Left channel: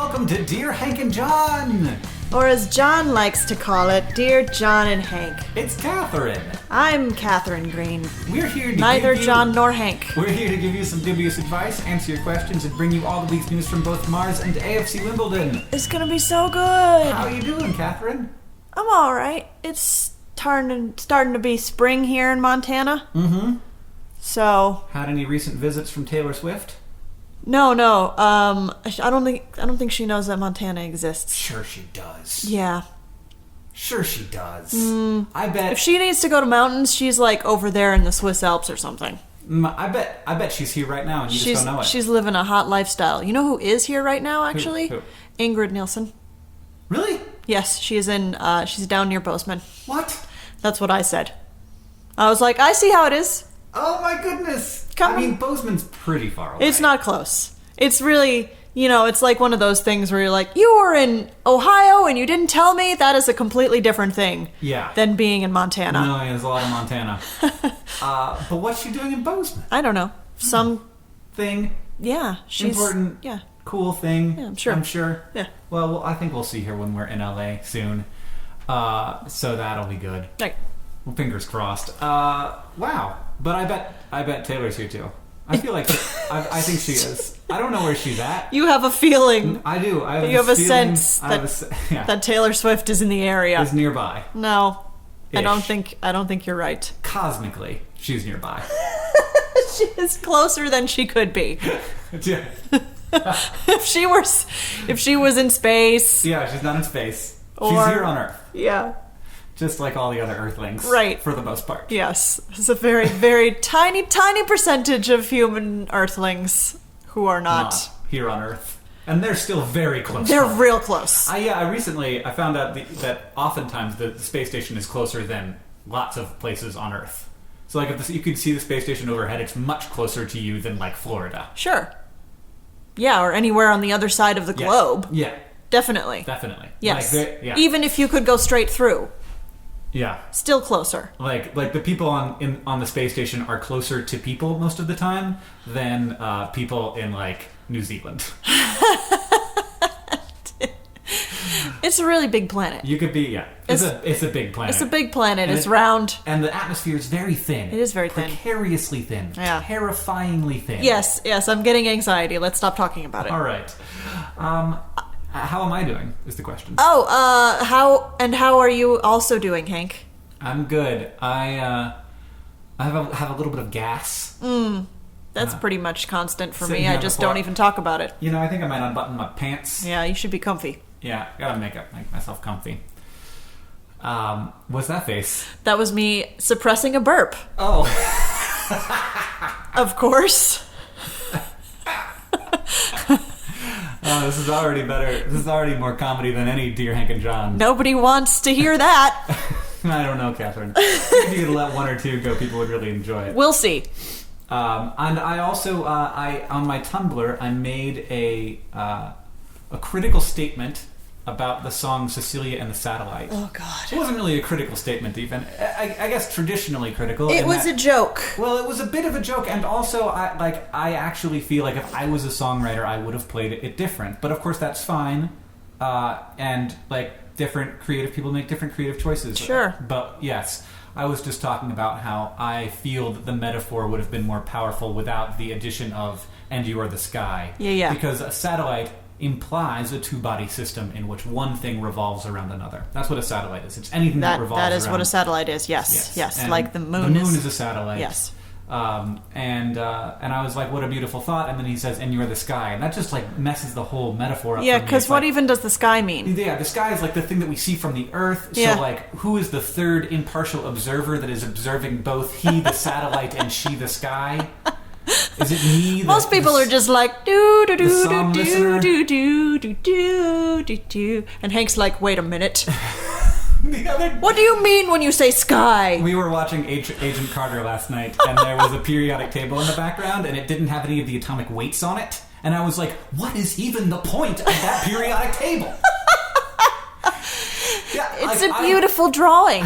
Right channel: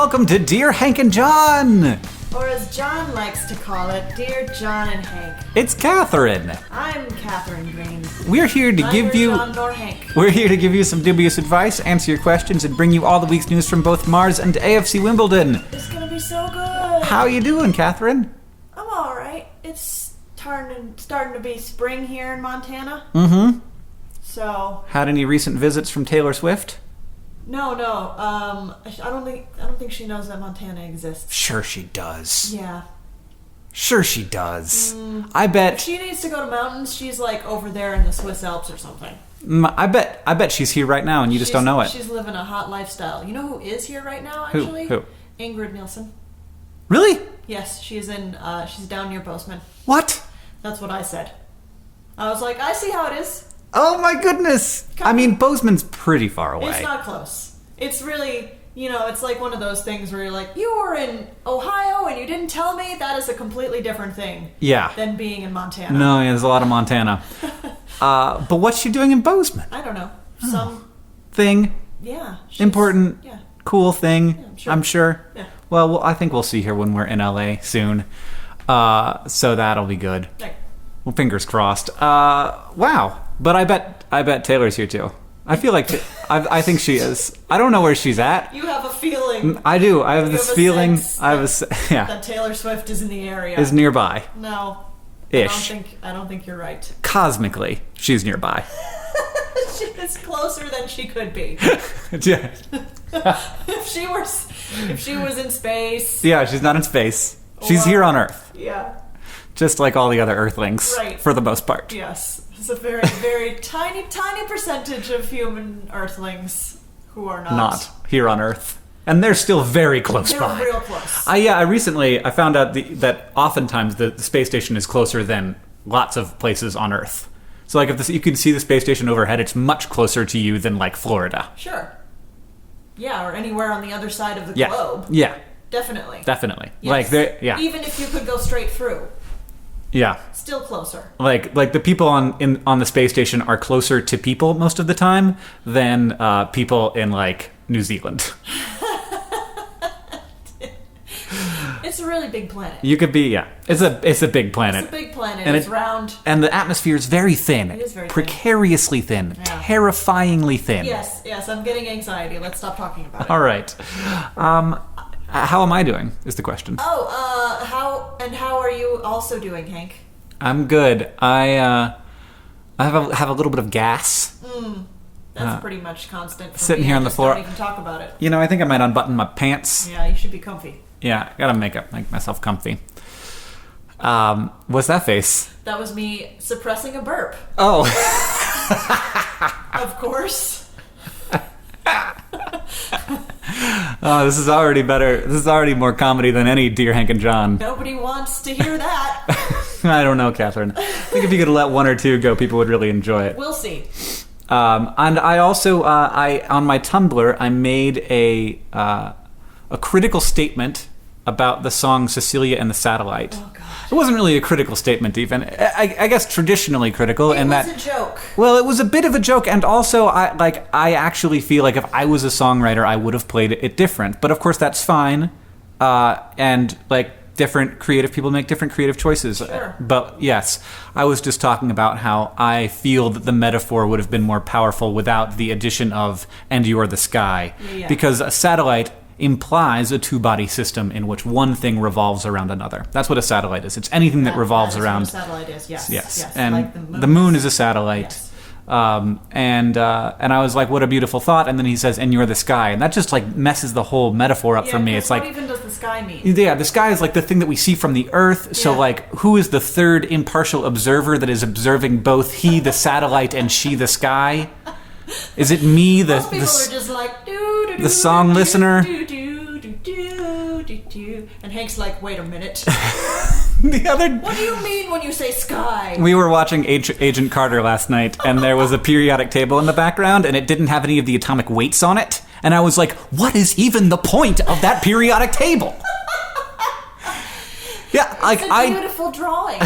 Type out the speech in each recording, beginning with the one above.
welcome to Dear Hank and John! Or as John likes to call it, Dear John and Hank. It's Katherine. I'm Katherine Green. We're here to Neither give you... John nor Hank. We're here to give you some dubious advice, answer your questions, and bring you all the week's news from both Mars and AFC Wimbledon. It's gonna be so good. How you doing, Katherine? I'm alright. It's starting to be spring here in Montana. Mm-hmm. So... Had any recent visits from Taylor Swift? No. I don't think she knows that Montana exists. Sure she does. Yeah. Sure she does. I bet... If she needs to go to mountains, she's like over there in the Swiss Alps or something. I bet she's here right now and you just don't know it. She's living a hot lifestyle. You know who is here right now, actually? Who? Ingrid Nielsen. Really? Yes, she's down near Bozeman. What? That's what I said. I was like, I see how it is. Oh my goodness. I mean, Bozeman's pretty far away. It's not close. It's really, it's like one of those things where you're like, you were in Ohio and you didn't tell me. That is a completely different thing. Yeah. Than being in Montana. No, yeah, there's a lot of Montana. But what's she doing in Bozeman? I don't know. Some thing. Yeah. Important. Yeah. Cool thing. Yeah, I'm sure. Yeah. Well, I think we'll see her when we're in LA soon. So that'll be good. Right. Well, fingers crossed. Wow. But I bet Taylor's here too. I feel like I think she is. I don't know where she's at. You have a feeling. I do. I have this feeling. That Taylor Swift is in the area. Is nearby. No. Ish. I don't think you're right. Cosmically, she's nearby. She is closer than she could be. Yeah. If she was in space. Yeah, she's not in space. She's here on Earth. Yeah. Just like all the other Earthlings. Right. For the most part. Yes. It's a very, very tiny, tiny percentage of human Earthlings who are not here on Earth. And they're still very close. They're real close. I recently found out that oftentimes the space station is closer than lots of places on Earth. So like if you can see the space station overhead, it's much closer to you than like Florida. Sure. Yeah, or anywhere on the other side of the globe. Yeah. Definitely. Yes. Even if you could go straight through. Yeah. Still closer. Like the people on the space station are closer to people most of the time than people in like New Zealand. It's a really big planet. You could be It's a big planet. It's a big planet. And it's round. And the atmosphere is very thin. It is very thin. Precariously thin. Yeah. Terrifyingly thin. Yes, I'm getting anxiety. Let's stop talking about it. All right. How am I doing, is the question. How are you also doing, Hank? I'm good. I have a little bit of gas. That's pretty much constant for sitting me. here I on the just floor. don't even talk about it. I think I might unbutton my pants. Yeah, you should be comfy. Yeah, gotta make myself comfy. What's that face? That was me suppressing a burp. Oh. Of course. Oh, this is already better. This is already more comedy than any Dear Hank and John. Nobody wants to hear that. I don't know, Katherine. I think if you could let one or two go, people would really enjoy it. We'll see. And I also, on my Tumblr, I made a critical statement about the song Cecilia and the Satellite. Oh, God. It wasn't really a critical statement, even. I guess traditionally critical. It was a joke. Well, it was a bit of a joke, and also, I actually feel like if I was a songwriter, I would have played it different. But of course, that's fine. And, different creative people make different creative choices. Sure. But, yes, I was just talking about how I feel that the metaphor would have been more powerful without the addition of, and you are the sky. Yeah. Because a satellite implies a two-body system in which one thing revolves around another. That's what a satellite is. It's anything that revolves around. That is what a satellite is, yes. And like the moon. The moon is a satellite. Yes. And I was like, what a beautiful thought. And then he says, and you're the sky. And that just messes the whole metaphor up for me. Yeah, because what even does the sky mean? Yeah, the sky is the thing that we see from the Earth. Yeah. So who is the third impartial observer that is observing both he, the satellite, and she, the sky? Is it me? Most people are just like, do do do. The song listener. Do do do do do do. And Hank's like, wait a minute. What do you mean when you say sky? We were watching Agent Carter last night, and there was a periodic table in the background, and it didn't have any of the atomic weights on it. And I was like, what is even the point of that periodic table? Yeah, it's a beautiful drawing.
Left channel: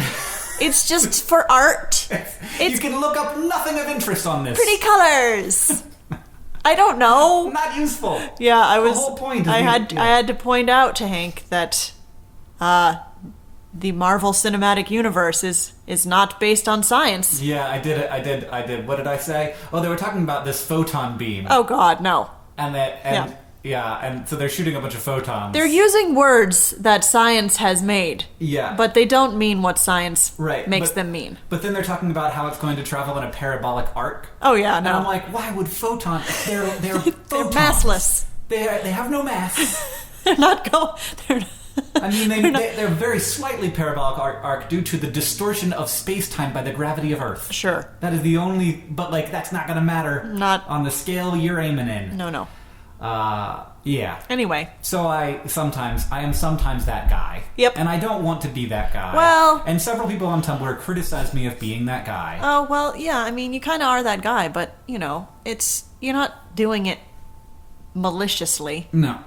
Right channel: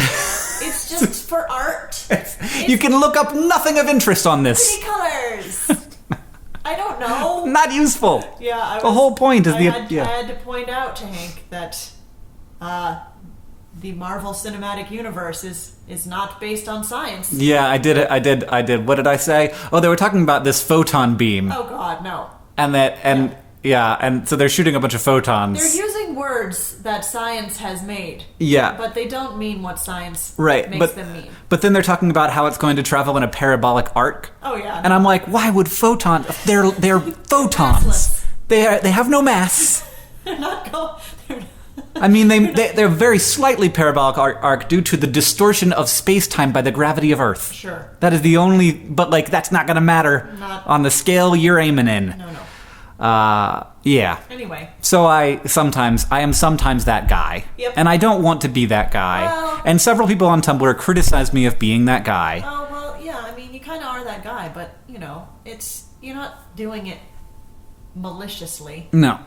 It's just for art. You can look up nothing of interest on this. Pretty colors. I don't know. Not useful. Yeah, The whole point is I the... had to point out to Hank that the Marvel Cinematic Universe is not based on science. Yeah, I did. What did I say? Oh, they were talking about this photon beam. Oh God, no. And so they're shooting a bunch of photons. They're using words that science has made. Yeah. But they don't mean what science makes them mean. But then they're talking about how it's going to travel in a parabolic arc. Oh yeah. And I'm like, why would photons? They're photons. Massless. They have no mass. They're not I mean, they're very slightly parabolic arc due to the distortion of space-time by the gravity of Earth. Sure. That is the only... But, like, that's not going to matter Not on the scale you're aiming in. No. Yeah. Anyway. So I am sometimes that guy. Yep. And I don't want to be that guy. Well... And several people on Tumblr criticize me of being that guy. Oh, well, yeah, I mean, you kind of are that guy, but, you're not doing it maliciously. No.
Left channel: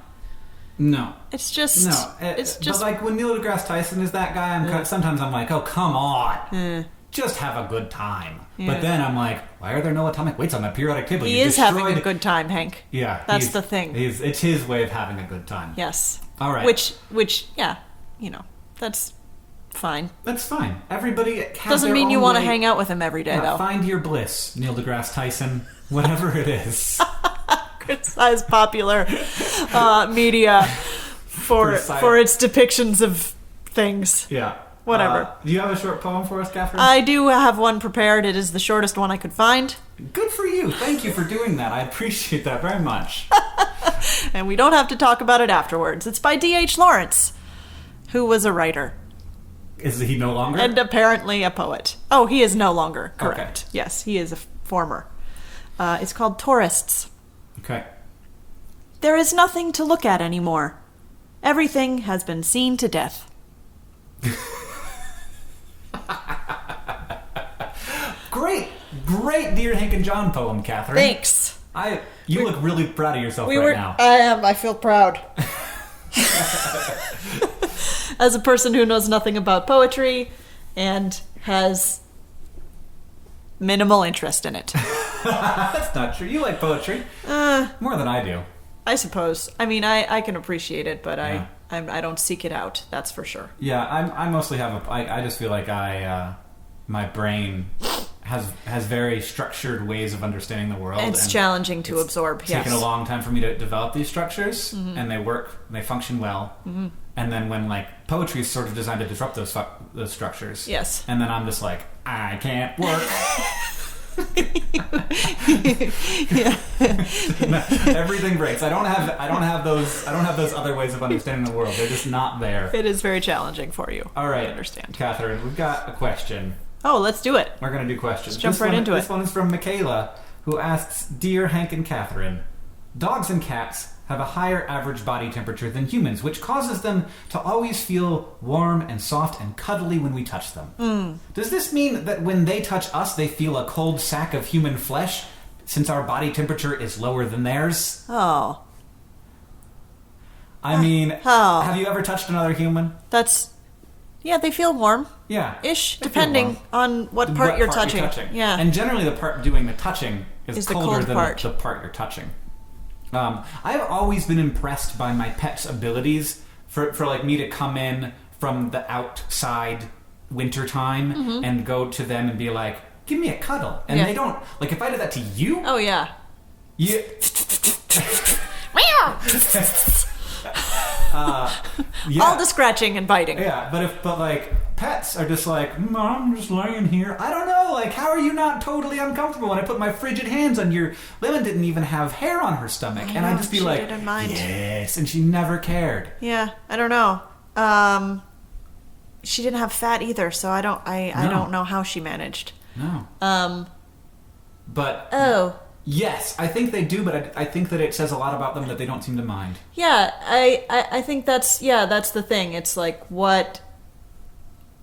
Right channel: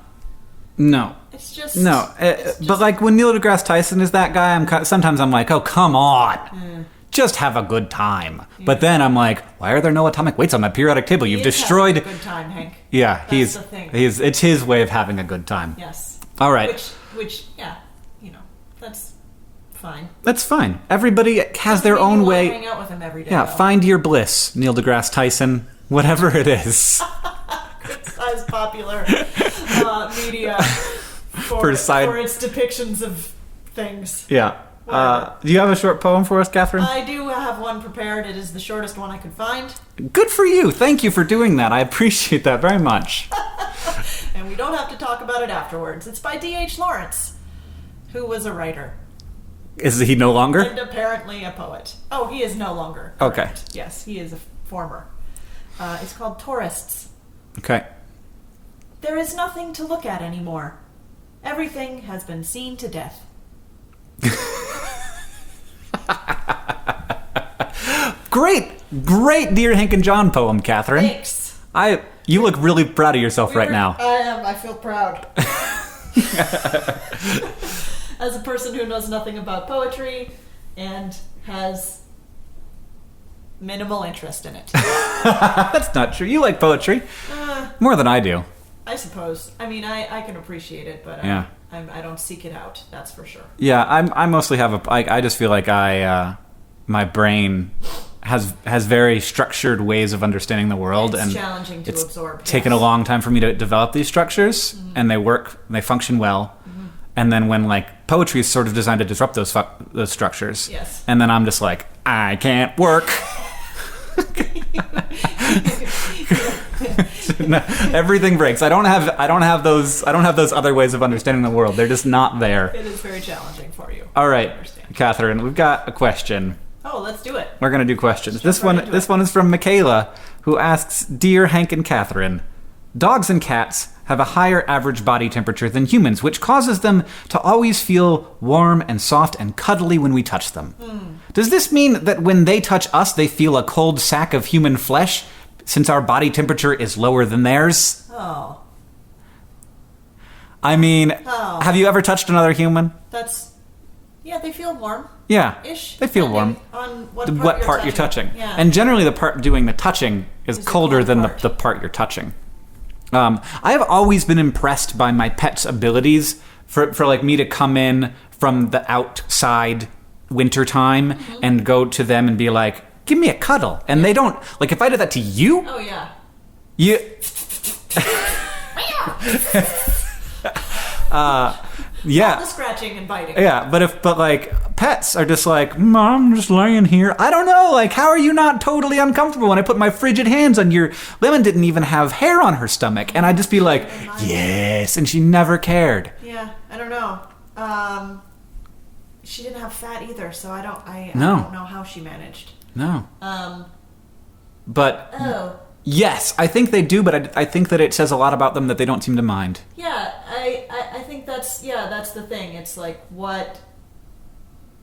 It's just... No. But, like, when Neil deGrasse Tyson is that guy, sometimes I'm like, oh, come on. Just have a good time. Yeah. But then I'm like, why are there no atomic weights on my periodic table? You've destroyed... having a good time, Hank. Yeah. That's the thing. It's his way of having a good time. Yes. All right. Which, yeah, that's fine. That's fine. Everybody has Doesn't their mean own you want way. to hang out with him every day, Yeah, though. find your bliss, Neil deGrasse Tyson. Whatever it is. Criticize popular media for its depictions of things. Yeah. Whatever. Do you have a short poem for us, Katherine? I do have one prepared. It is the shortest one I could find. Good for you. Thank you for doing that. I appreciate that very much. And we don't have to talk about it afterwards. It's by D.H. Lawrence, who was a writer. Is he no longer? And apparently a poet. Oh, he is no longer. Correct. Okay. Yes, he is a former. It's called Tourists. Okay. There is nothing to look at anymore. Everything has been seen to death. Great Dear Hank and John poem, Katherine. Thanks. You look really proud of yourself now. I am. I feel proud. As a person who knows nothing about poetry and has minimal interest in it. That's not true. You like poetry. More than I do. I suppose. I mean, I can appreciate it, but yeah. I don't seek it out. That's for sure. Yeah, I mostly have I just feel like my brain has very structured ways of understanding the world. It's challenging to absorb. It's taken a long time for me to develop these structures, and they function well. Mm-hmm. And then when like poetry is sort of designed to disrupt those structures. Yes. And then I'm just like, I can't work. No, everything breaks. I don't have those other ways of understanding the world. They're just not there. It is very challenging for you. All right, I understand. Katherine, we've got a question. Oh, let's do it. We're gonna do questions. This one is from Michaela, who asks, "Dear Hank and Katherine, dogs and cats have a higher average body temperature than humans, which causes them to always feel warm and soft and cuddly when we touch them. Does this mean that when they touch us, they feel a cold sack of human flesh, since our body temperature is lower than theirs?" Oh. I mean, have you ever touched another human? Yeah, they feel warm. Yeah. Ish, they feel warm. depending on what part you're touching. Yeah. And generally the part doing the touching is colder than the part you're touching. I have always been impressed by my pet's abilities for like me to come in from the outside wintertime and go to them and be like, give me a cuddle. And they don't, like if I did that to you. Oh, yeah. You. Yeah. All the scratching and biting. Yeah, but like pets are just like, I'm just laying here. I don't know, like how are you not totally uncomfortable when I put my frigid hands on your... Lemon didn't even have hair on her stomach, and I'd just be like, yes, and she never cared. Yeah, I don't know. She didn't have fat either, so I don't know how she managed. No. But oh. Yes, I think they do, but I think that it says a lot about them that they don't seem to mind. Yeah, I think that's the thing. It's like, what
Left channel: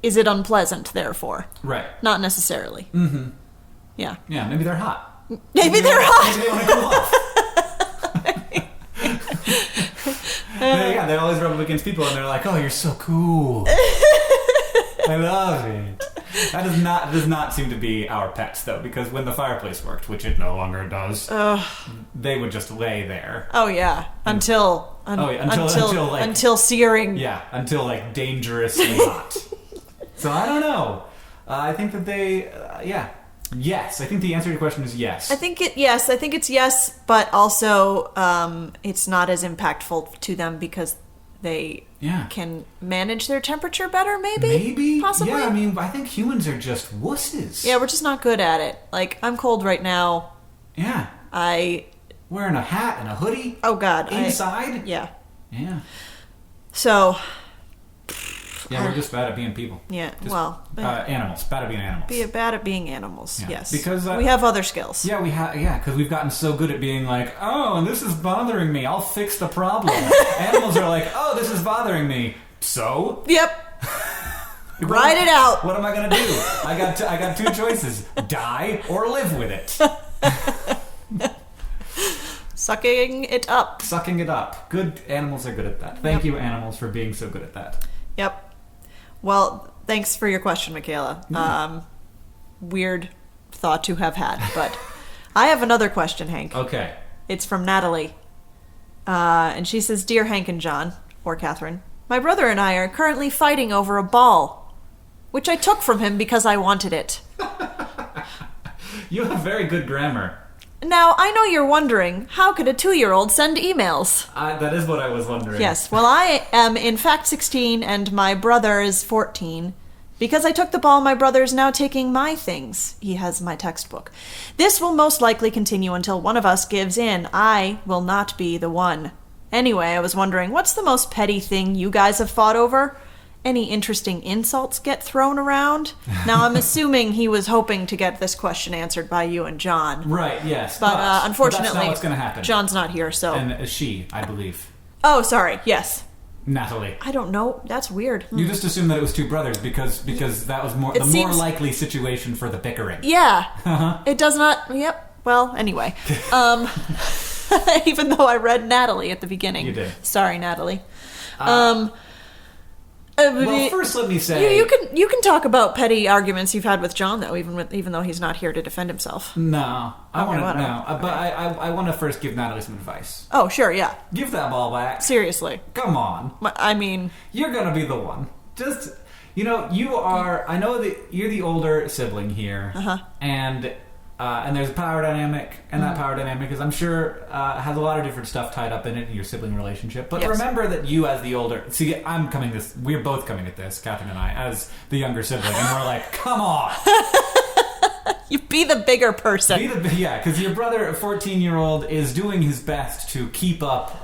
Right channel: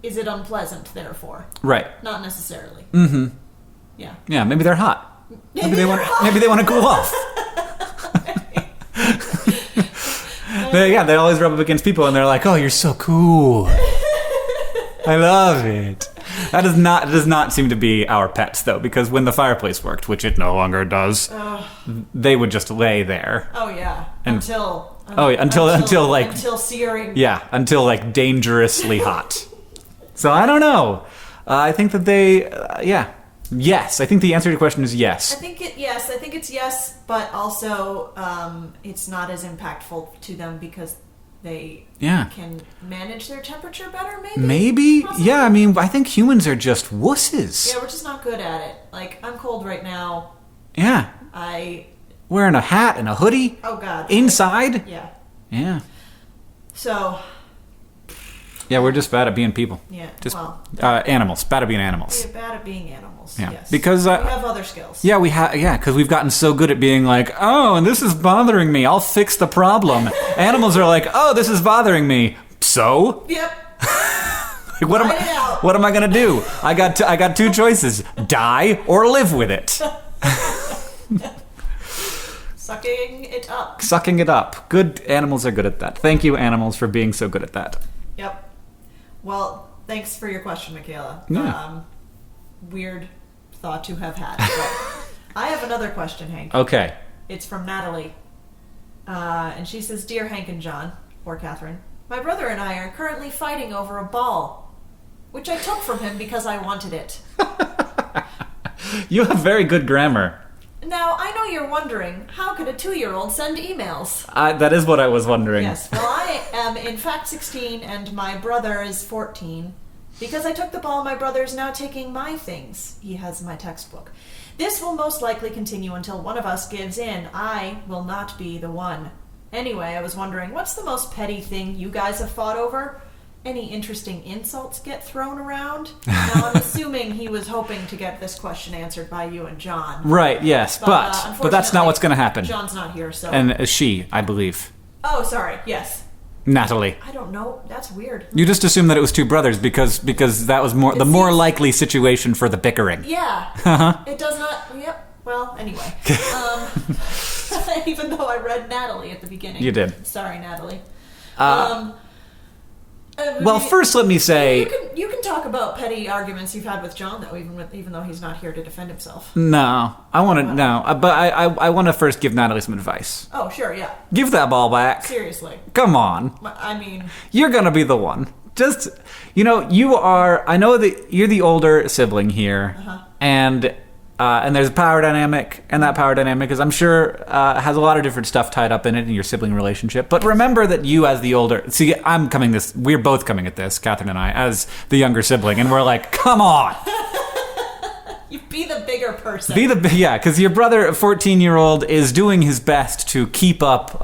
is it unpleasant, therefore? Right. Not necessarily. Mm-hmm. Yeah. Yeah, maybe they're hot. Maybe they're hot. Maybe they want to cool off. They always rub up against people and they're like, oh, you're so cool. I love it. That does not seem to be our pets, though, because when the fireplace worked, which it no longer does, they would just lay there. Oh yeah, until searing. Yeah, until like dangerously hot. So I don't know. I think that they, yes. I think the answer to your question is yes. I think it's yes, but also it's not as impactful to them because they can manage their temperature better, maybe? Maybe? Possibly? Yeah, I mean, I think humans are just wusses. Yeah, we're just not good at it. Like, I'm cold right now. Yeah. Wearing a hat and a hoodie. Oh, God. Inside? Yeah. Yeah. So... Yeah, we're just bad at being people. Yeah, animals. Bad at being animals. Bad at being animals, yes. Because... we have other skills. Yeah, because we've gotten so good at being like, oh, this is bothering me. I'll fix the problem. Animals are like, oh, this is bothering me. So? Yep. Write it out. What am I going to do? I got two choices. Die or live with it. Sucking it up. Sucking it up. Good animals are good at that. Thank you, animals, for being so good at that. Yep. Well, thanks for your question, Michaela. Yeah. Weird thought to have had, but I have another question, Hank. Okay. It's from Natalie. And she says, Dear Hank and John, or Katherine, my brother and I are currently fighting over a ball, which I took from him because I wanted it. You have very good grammar. Now, I know you're wondering, how could a 2-year-old send emails? That is what I was wondering. Yes, well, I am in fact 16 and my brother is 14. Because I took the ball, my brother is now taking my things. He has my textbook. This will most likely continue until one of us gives in. I will not be the one. Anyway, I was wondering, what's the most petty thing you guys have fought over? Any interesting insults get thrown around? Now, I'm assuming he was hoping to get this question answered by you and John. Right, yes, but unfortunately, that's not what's going to happen. John's not here, so... And she, I believe. Oh, sorry, yes. Natalie. I don't know. That's weird. You just assumed that it was two brothers because that was more likely situation for the bickering. Yeah. Uh-huh. It does not... Yep. Well, anyway. Even though I read Natalie at the beginning. You did. Sorry, Natalie. Well, first let me say... You can talk about petty arguments you've had with John, though, even though he's not here to defend himself. No. I want to first give Natalie some advice. Oh, sure, yeah. Give that ball back. Seriously. Come on. I mean... You're going to be the one. Just, you are... I know that you're the older sibling here. Uh-huh. And there's a power dynamic, and that power dynamic is, I'm sure, has a lot of different stuff tied up in it in your sibling relationship. But remember that you as the older... See, we're both coming at this, Katherine and I, as the younger sibling, and we're like, come on! You be the bigger person. Because your brother, a 14-year-old, is doing his best to keep up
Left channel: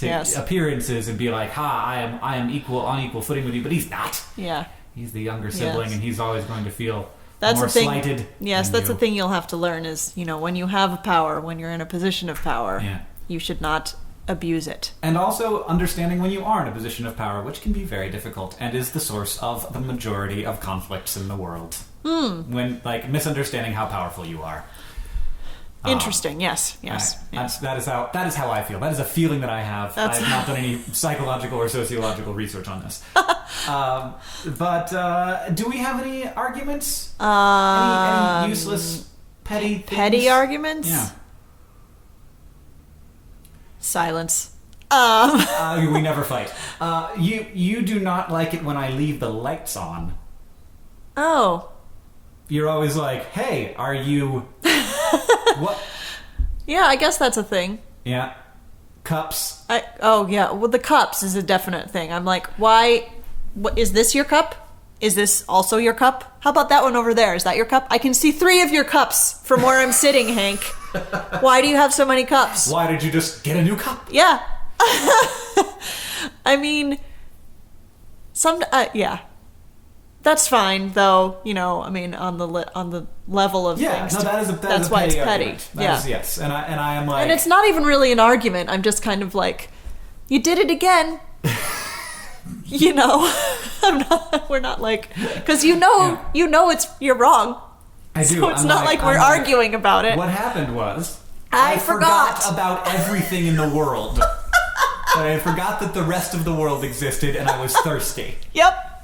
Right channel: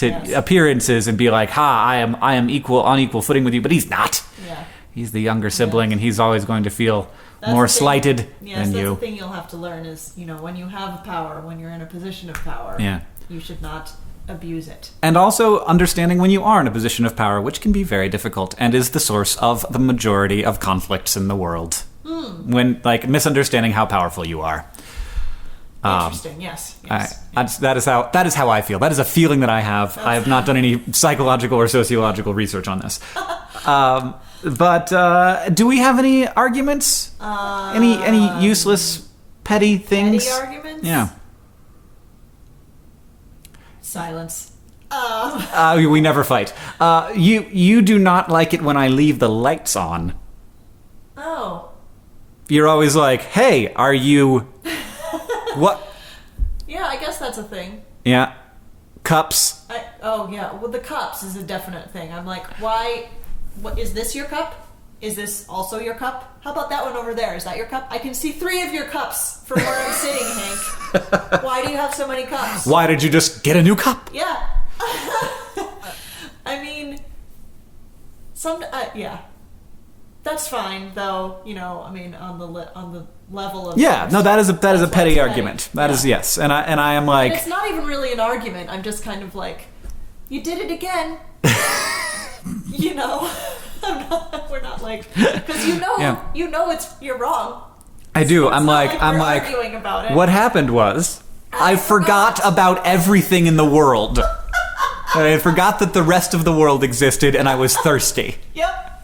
appearances and be like, I am on equal footing with you, but he's not. Yeah. He's the younger sibling, and he's always going to feel... more slighted. Yes, that's the thing you'll have to learn is, when you have power, when you're in a position of power, you should not abuse it. And also understanding when you are in a position of power, which can be very difficult and is the source of the majority of conflicts in the world. When, misunderstanding how powerful you are. Interesting. Yes. That is how I feel. That is a feeling that I have. I have not done any psychological or sociological research on this. But do we have any arguments? Any useless petty things? Petty arguments? Yeah. Silence. We never fight. You do not like it when I leave the lights on. Oh. You're always like, hey, are you... What? Yeah, I guess that's a thing. Yeah. Cups. Well, the cups is a definite thing. I'm like, why? What, is this your cup? Is this also your cup? How about that one over there? Is that your cup? I can see 3 of your cups from where I'm sitting, Hank. Why do you have so many cups? Why did you just get a new cup? Yeah. I mean, yeah. That's fine, though. On the level of things. No, that is a petty argument. That is yes, and I am like, and it's not even really an argument. I'm just kind of like, you did it again. We're not like, because you're wrong. I do. So it's not like we're arguing about it. What happened was I forgot about everything in the world. I forgot that the rest of the world existed, and I was thirsty. Yep.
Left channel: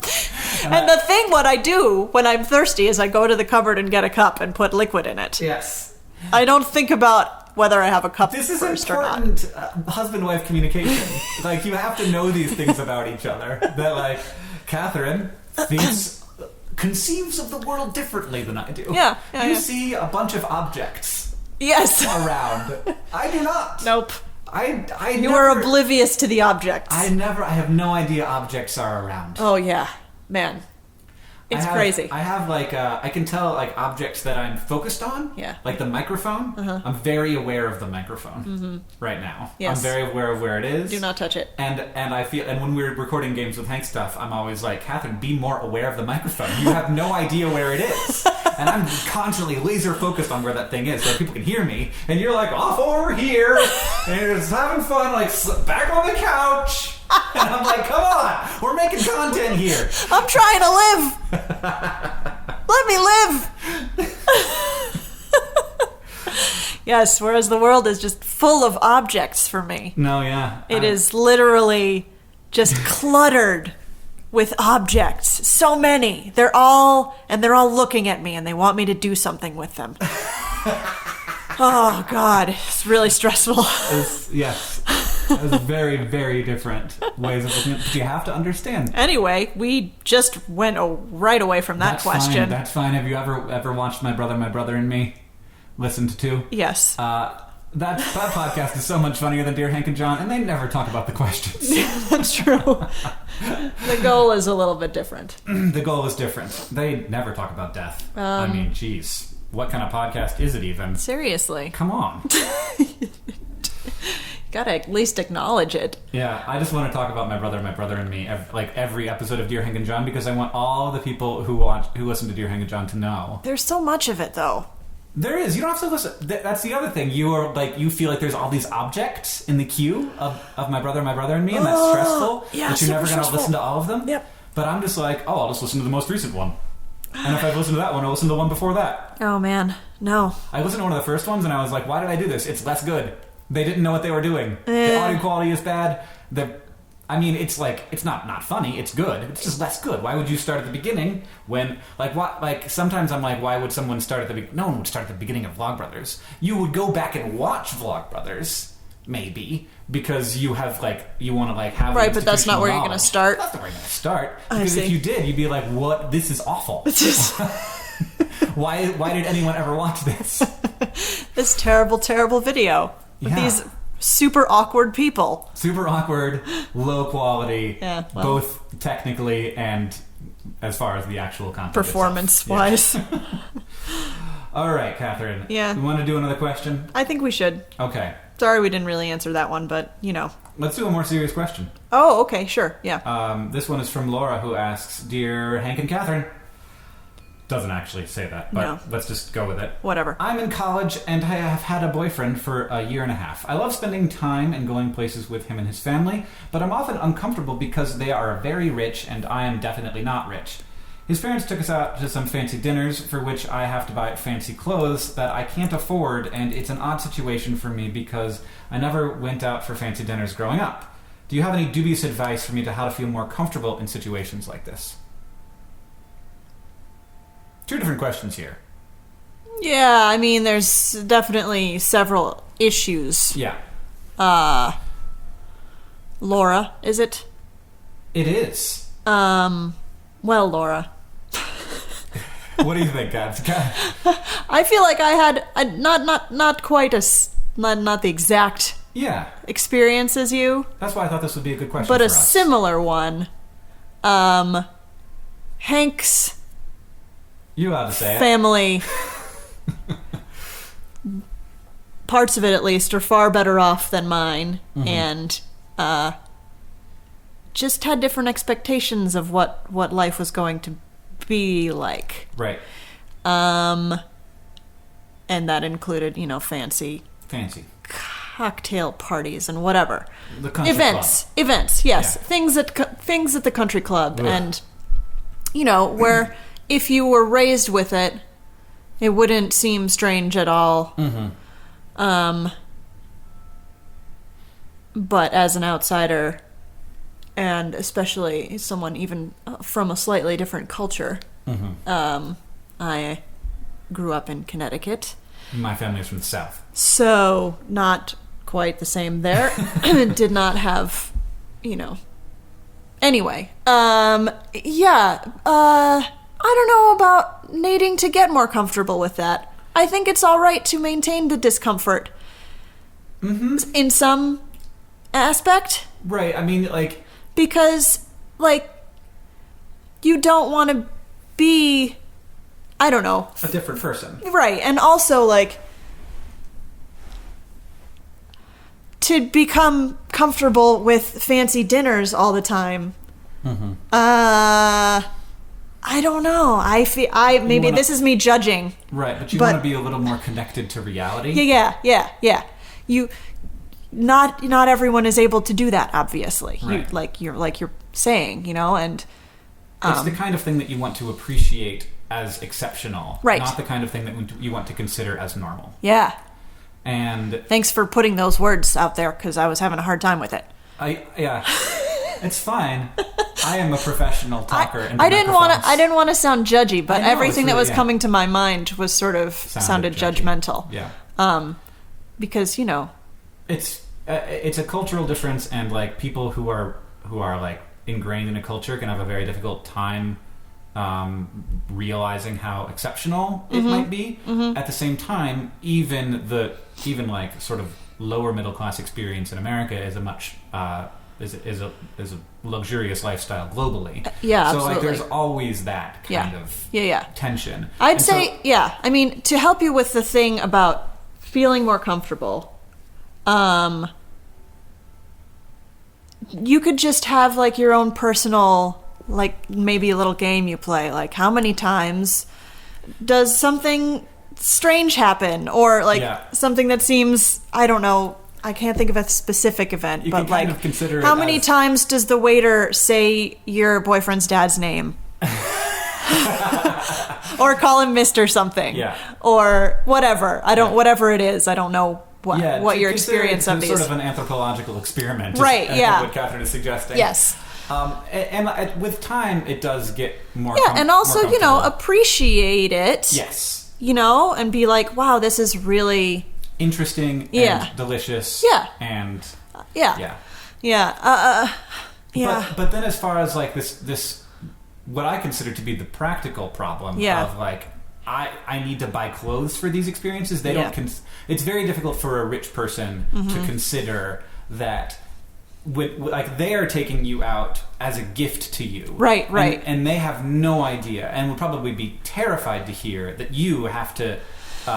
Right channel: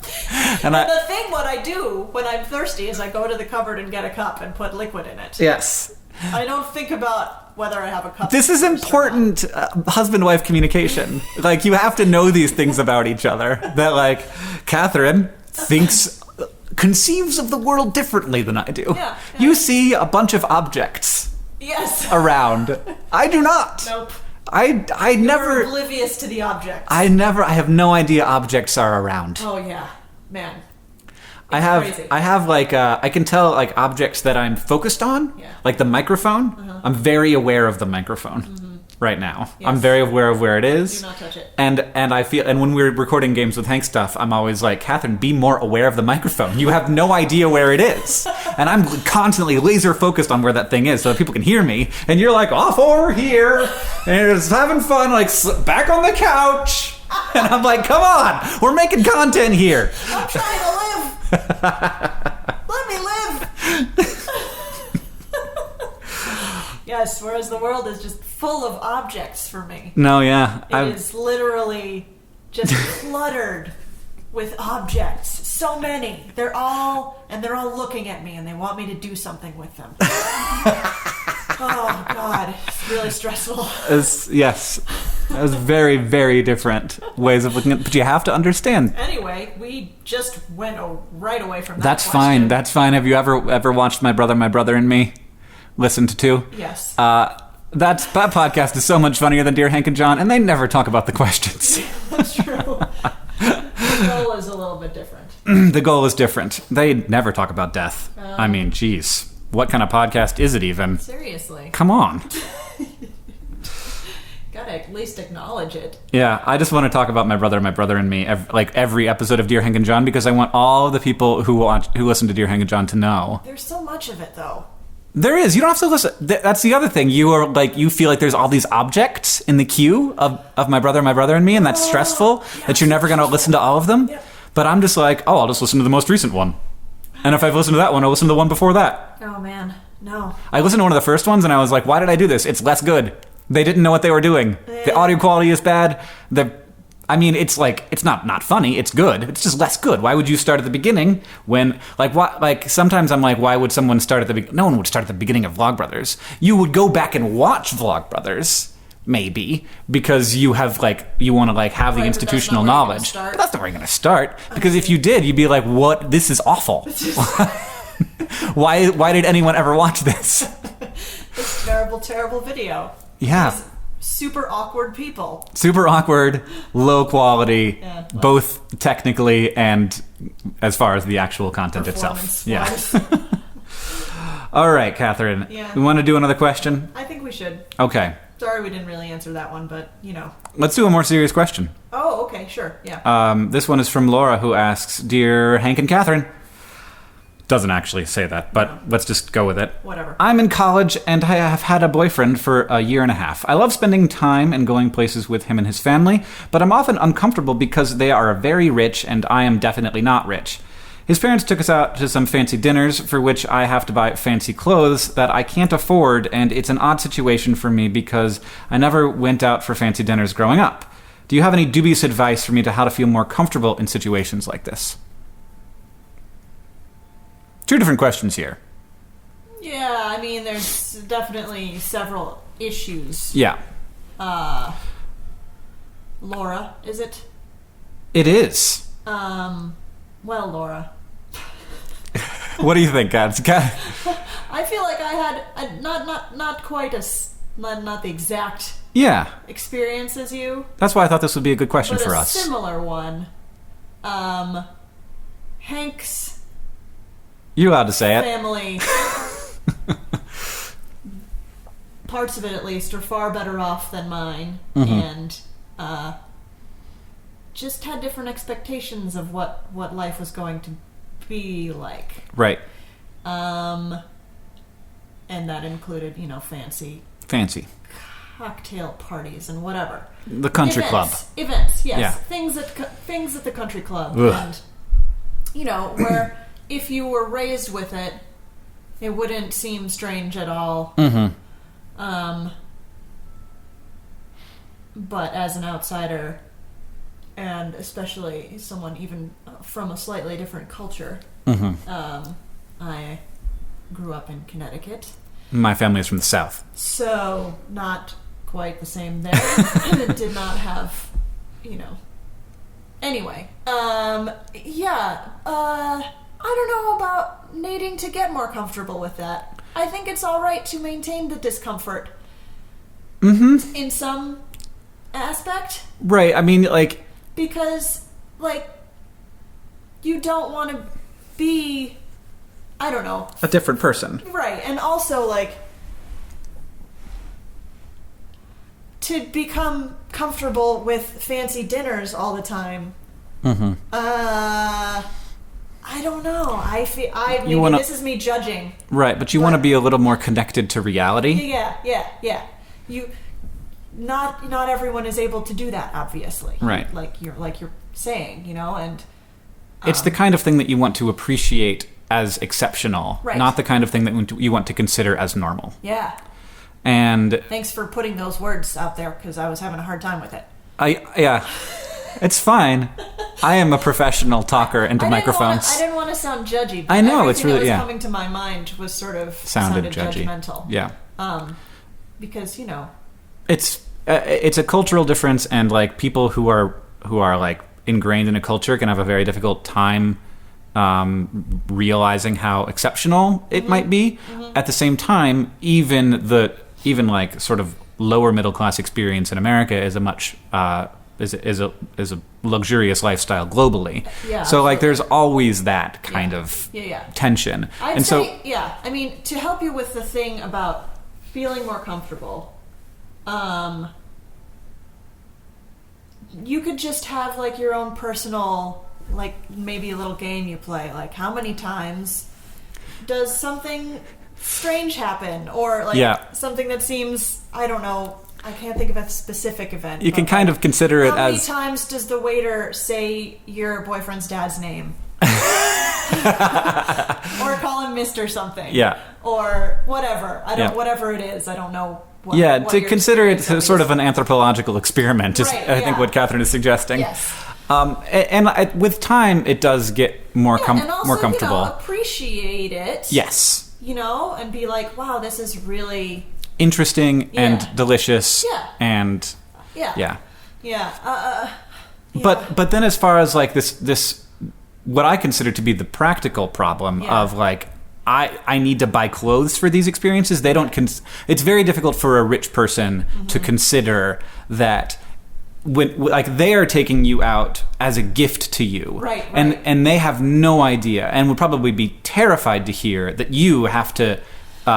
And the thing what I do when I'm thirsty is I go to the cupboard and get a cup and put liquid in it. Yes. I don't think about whether I have a cup. This is important husband-wife communication. Like, you have to know these things about each other. That, like, Katherine conceives of the world differently than I do. Yeah. You see a bunch of objects. Yes. Around. I do not. Nope. I You're oblivious to the objects. I have no idea objects are around. Oh, yeah. Man. It's crazy. I have, like, I can tell, like, objects that I'm focused on. Yeah. Like the microphone. Uh-huh. I'm very aware of the microphone right now. Yes. I'm very aware of where it is. Do not touch it. And I feel, and when we're recording games with Hank stuff, I'm always like, Katherine, be more aware of the microphone. You have no idea where it is. And I'm constantly laser focused on where that thing is so that people can hear me. And you're like, off over here. And it's having fun, like, back on the couch. And I'm like, come on, we're making content here. I'm trying to live. Let me live. Yes, whereas the world is just full of objects for me. No, yeah. It is literally just cluttered with objects. So many. They're all looking at me and they want me to do something with them. Oh, God. It's really stressful. Yes. Those very, very different ways of looking at it. But you have to understand. Anyway, we just went right away from that question. That's fine. That's fine. Have you ever watched My Brother and Me? Listened to? Yes. That podcast is so much funnier than Dear Hank and John, and they never talk about the questions. That's true. The goal is a little bit different. The goal is different. They never talk about death. I mean, geez. What kind of podcast is it even? Seriously. Come on. Gotta at least acknowledge it. Yeah, I just want to talk about My Brother and Me, every episode of Dear Hank and John, because I want all the people who listen to Dear Hank and John to know. There's so much of it, though. There is. You don't have to listen. That's the other thing. You feel like there's all these objects in the queue of My Brother and Me, and that's stressful, that you're never going to listen to all of them. Yep. But I'm just like, I'll just listen to the most recent one. And if I've listened to that one, I'll listen to the one before that. Oh, man. No. I listened to one of the first ones, and I was like, why did I do this? It's less good. They didn't know what they were doing. The audio quality is bad. It's like, it's not funny. It's good. It's just less good. Why would you start at the beginning when, sometimes I'm like, why would someone start at the beginning? No one would start at the beginning of Vlogbrothers. You would go back and watch Vlogbrothers, maybe, because you have, you want to, have the institutional knowledge. That's not where you're going to start. That's not where you're going to start. Because if you did, you'd be like, what? This is awful. Why did anyone ever watch this? This terrible, terrible video. Yeah. These super awkward people. Super awkward, low quality, both technically and as far as the actual content performance-wise. itself. Yeah. All right, Katherine. Yeah. We want to do another question? I think we should. Okay. Sorry we didn't really answer that one, but, Let's do a more serious question. Oh, okay, sure, yeah. This one is from Laura, who asks, Dear Hank and Katherine. Doesn't actually say that, but let's just go with it. Whatever. I'm in college, and I have had a boyfriend for a year and a half. I love spending time and going places with him and his family, but I'm often uncomfortable because they are very rich, and I am definitely not rich. His parents took us out to some fancy dinners, for which I have to buy fancy clothes that I can't afford, and it's an odd situation for me because I never went out for fancy dinners growing up. Do you have any dubious advice for me to how to feel more comfortable in situations like this? Two different questions here. Yeah, I mean, there's definitely several issues. Yeah. Laura, is it? It is. Well, Laura. What do you think, guys? I feel like I had not quite not the exact experience as you. That's why I thought this would be a good question for us. But a similar one. Hank's You're allowed to say it. Family, parts of it at least, are far better off than mine, and just had different expectations of what life was going to be like. Right. And that included, fancy cocktail parties and whatever. The country club. Events, yes. Yeah. Things at the country club. Ugh. And, where if you were raised with it, it wouldn't seem strange at all. Mm-hmm. But as an outsider, and especially someone even from a slightly different culture. I grew up in Connecticut. My family is from the South. So, not quite the same there. Did not have, Anyway, I don't know about needing to get more comfortable with that. I think it's all right to maintain the discomfort. In some aspect. Right, I mean, like... Because, like, you don't want to be... I don't know. A different person. Right, and also, like, to become comfortable with fancy dinners all the time. I don't know. Maybe this is me judging. Right, but you want to be a little more connected to reality. Yeah. Not everyone is able to do that, obviously. Right. Like you're saying, and... It's the kind of thing that you want to appreciate as exceptional, right. Not the kind of thing that you want to consider as normal. Yeah. And thanks for putting those words out there, because I was having a hard time with it. Yeah, it's fine. I am a professional talker into microphones. I didn't want to sound judgy, but everything that was coming to my mind was sort of sounded judgmental. Yeah. Because it's a cultural difference, and like people who are like ingrained in a culture can have a very difficult time realizing how exceptional it might be. At the same time, even like sort of lower middle class experience in America is a much is a luxurious lifestyle globally. Yeah. So absolutely. like there's always that kind of tension. I'd say I mean, to help you with the thing about feeling more comfortable, you could just have like your own personal, like maybe a little game you play, like how many times does something strange happen, or like something that seems, I don't know, I can't think of a specific event. You can kind of consider it as... How many times does the waiter say your boyfriend's dad's name? Or call him Mr. something. Yeah. Or whatever. Whatever it is, I don't know what to your consider it experience sort of an anthropological experiment is, right, I think what Katherine is suggesting. Yes. And with time, it does get more and also, more comfortable. Appreciate it. Yes. And be like, wow, this is really... interesting and delicious. Yeah. And... Yeah. But then as far as like this what I consider to be the practical problem of like, I need to buy clothes for these experiences. They don't... it's very difficult for a rich person to consider that... when like they are taking you out as a gift to you, right, and they have no idea, and would probably be terrified to hear that you have to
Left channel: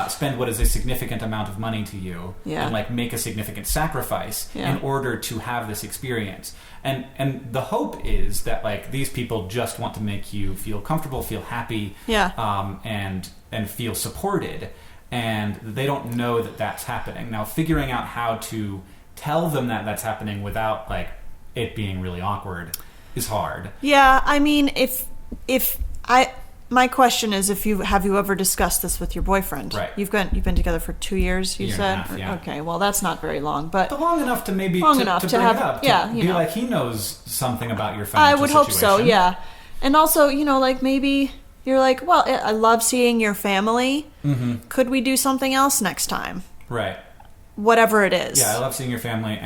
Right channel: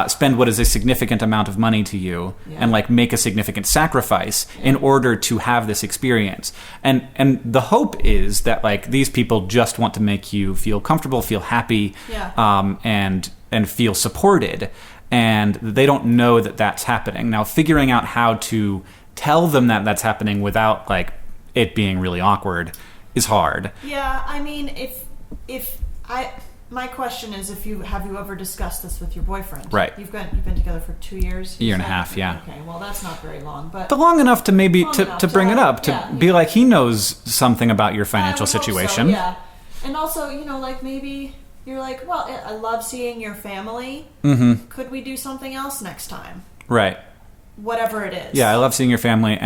spend what is a significant amount of money to you, and like make a significant sacrifice in order to have this experience. And the hope is that like these people just want to make you feel comfortable, feel happy, and feel supported, and they don't know that that's happening. Now, figuring out how to tell them that that's happening without like it being really awkward is hard. Yeah, I mean, my question is, have you ever discussed this with your boyfriend? Right. You've been together for 2 years. Year and a half. Yeah. Okay. Well, that's not very long, but long enough to maybe to bring it up, to be like, he knows something about your financial situation. Hope so, yeah. And also, like maybe you're like, well, I love seeing your family. Mm-hmm. Could we do something else next time? Right. Whatever it is. Yeah, I love seeing your family,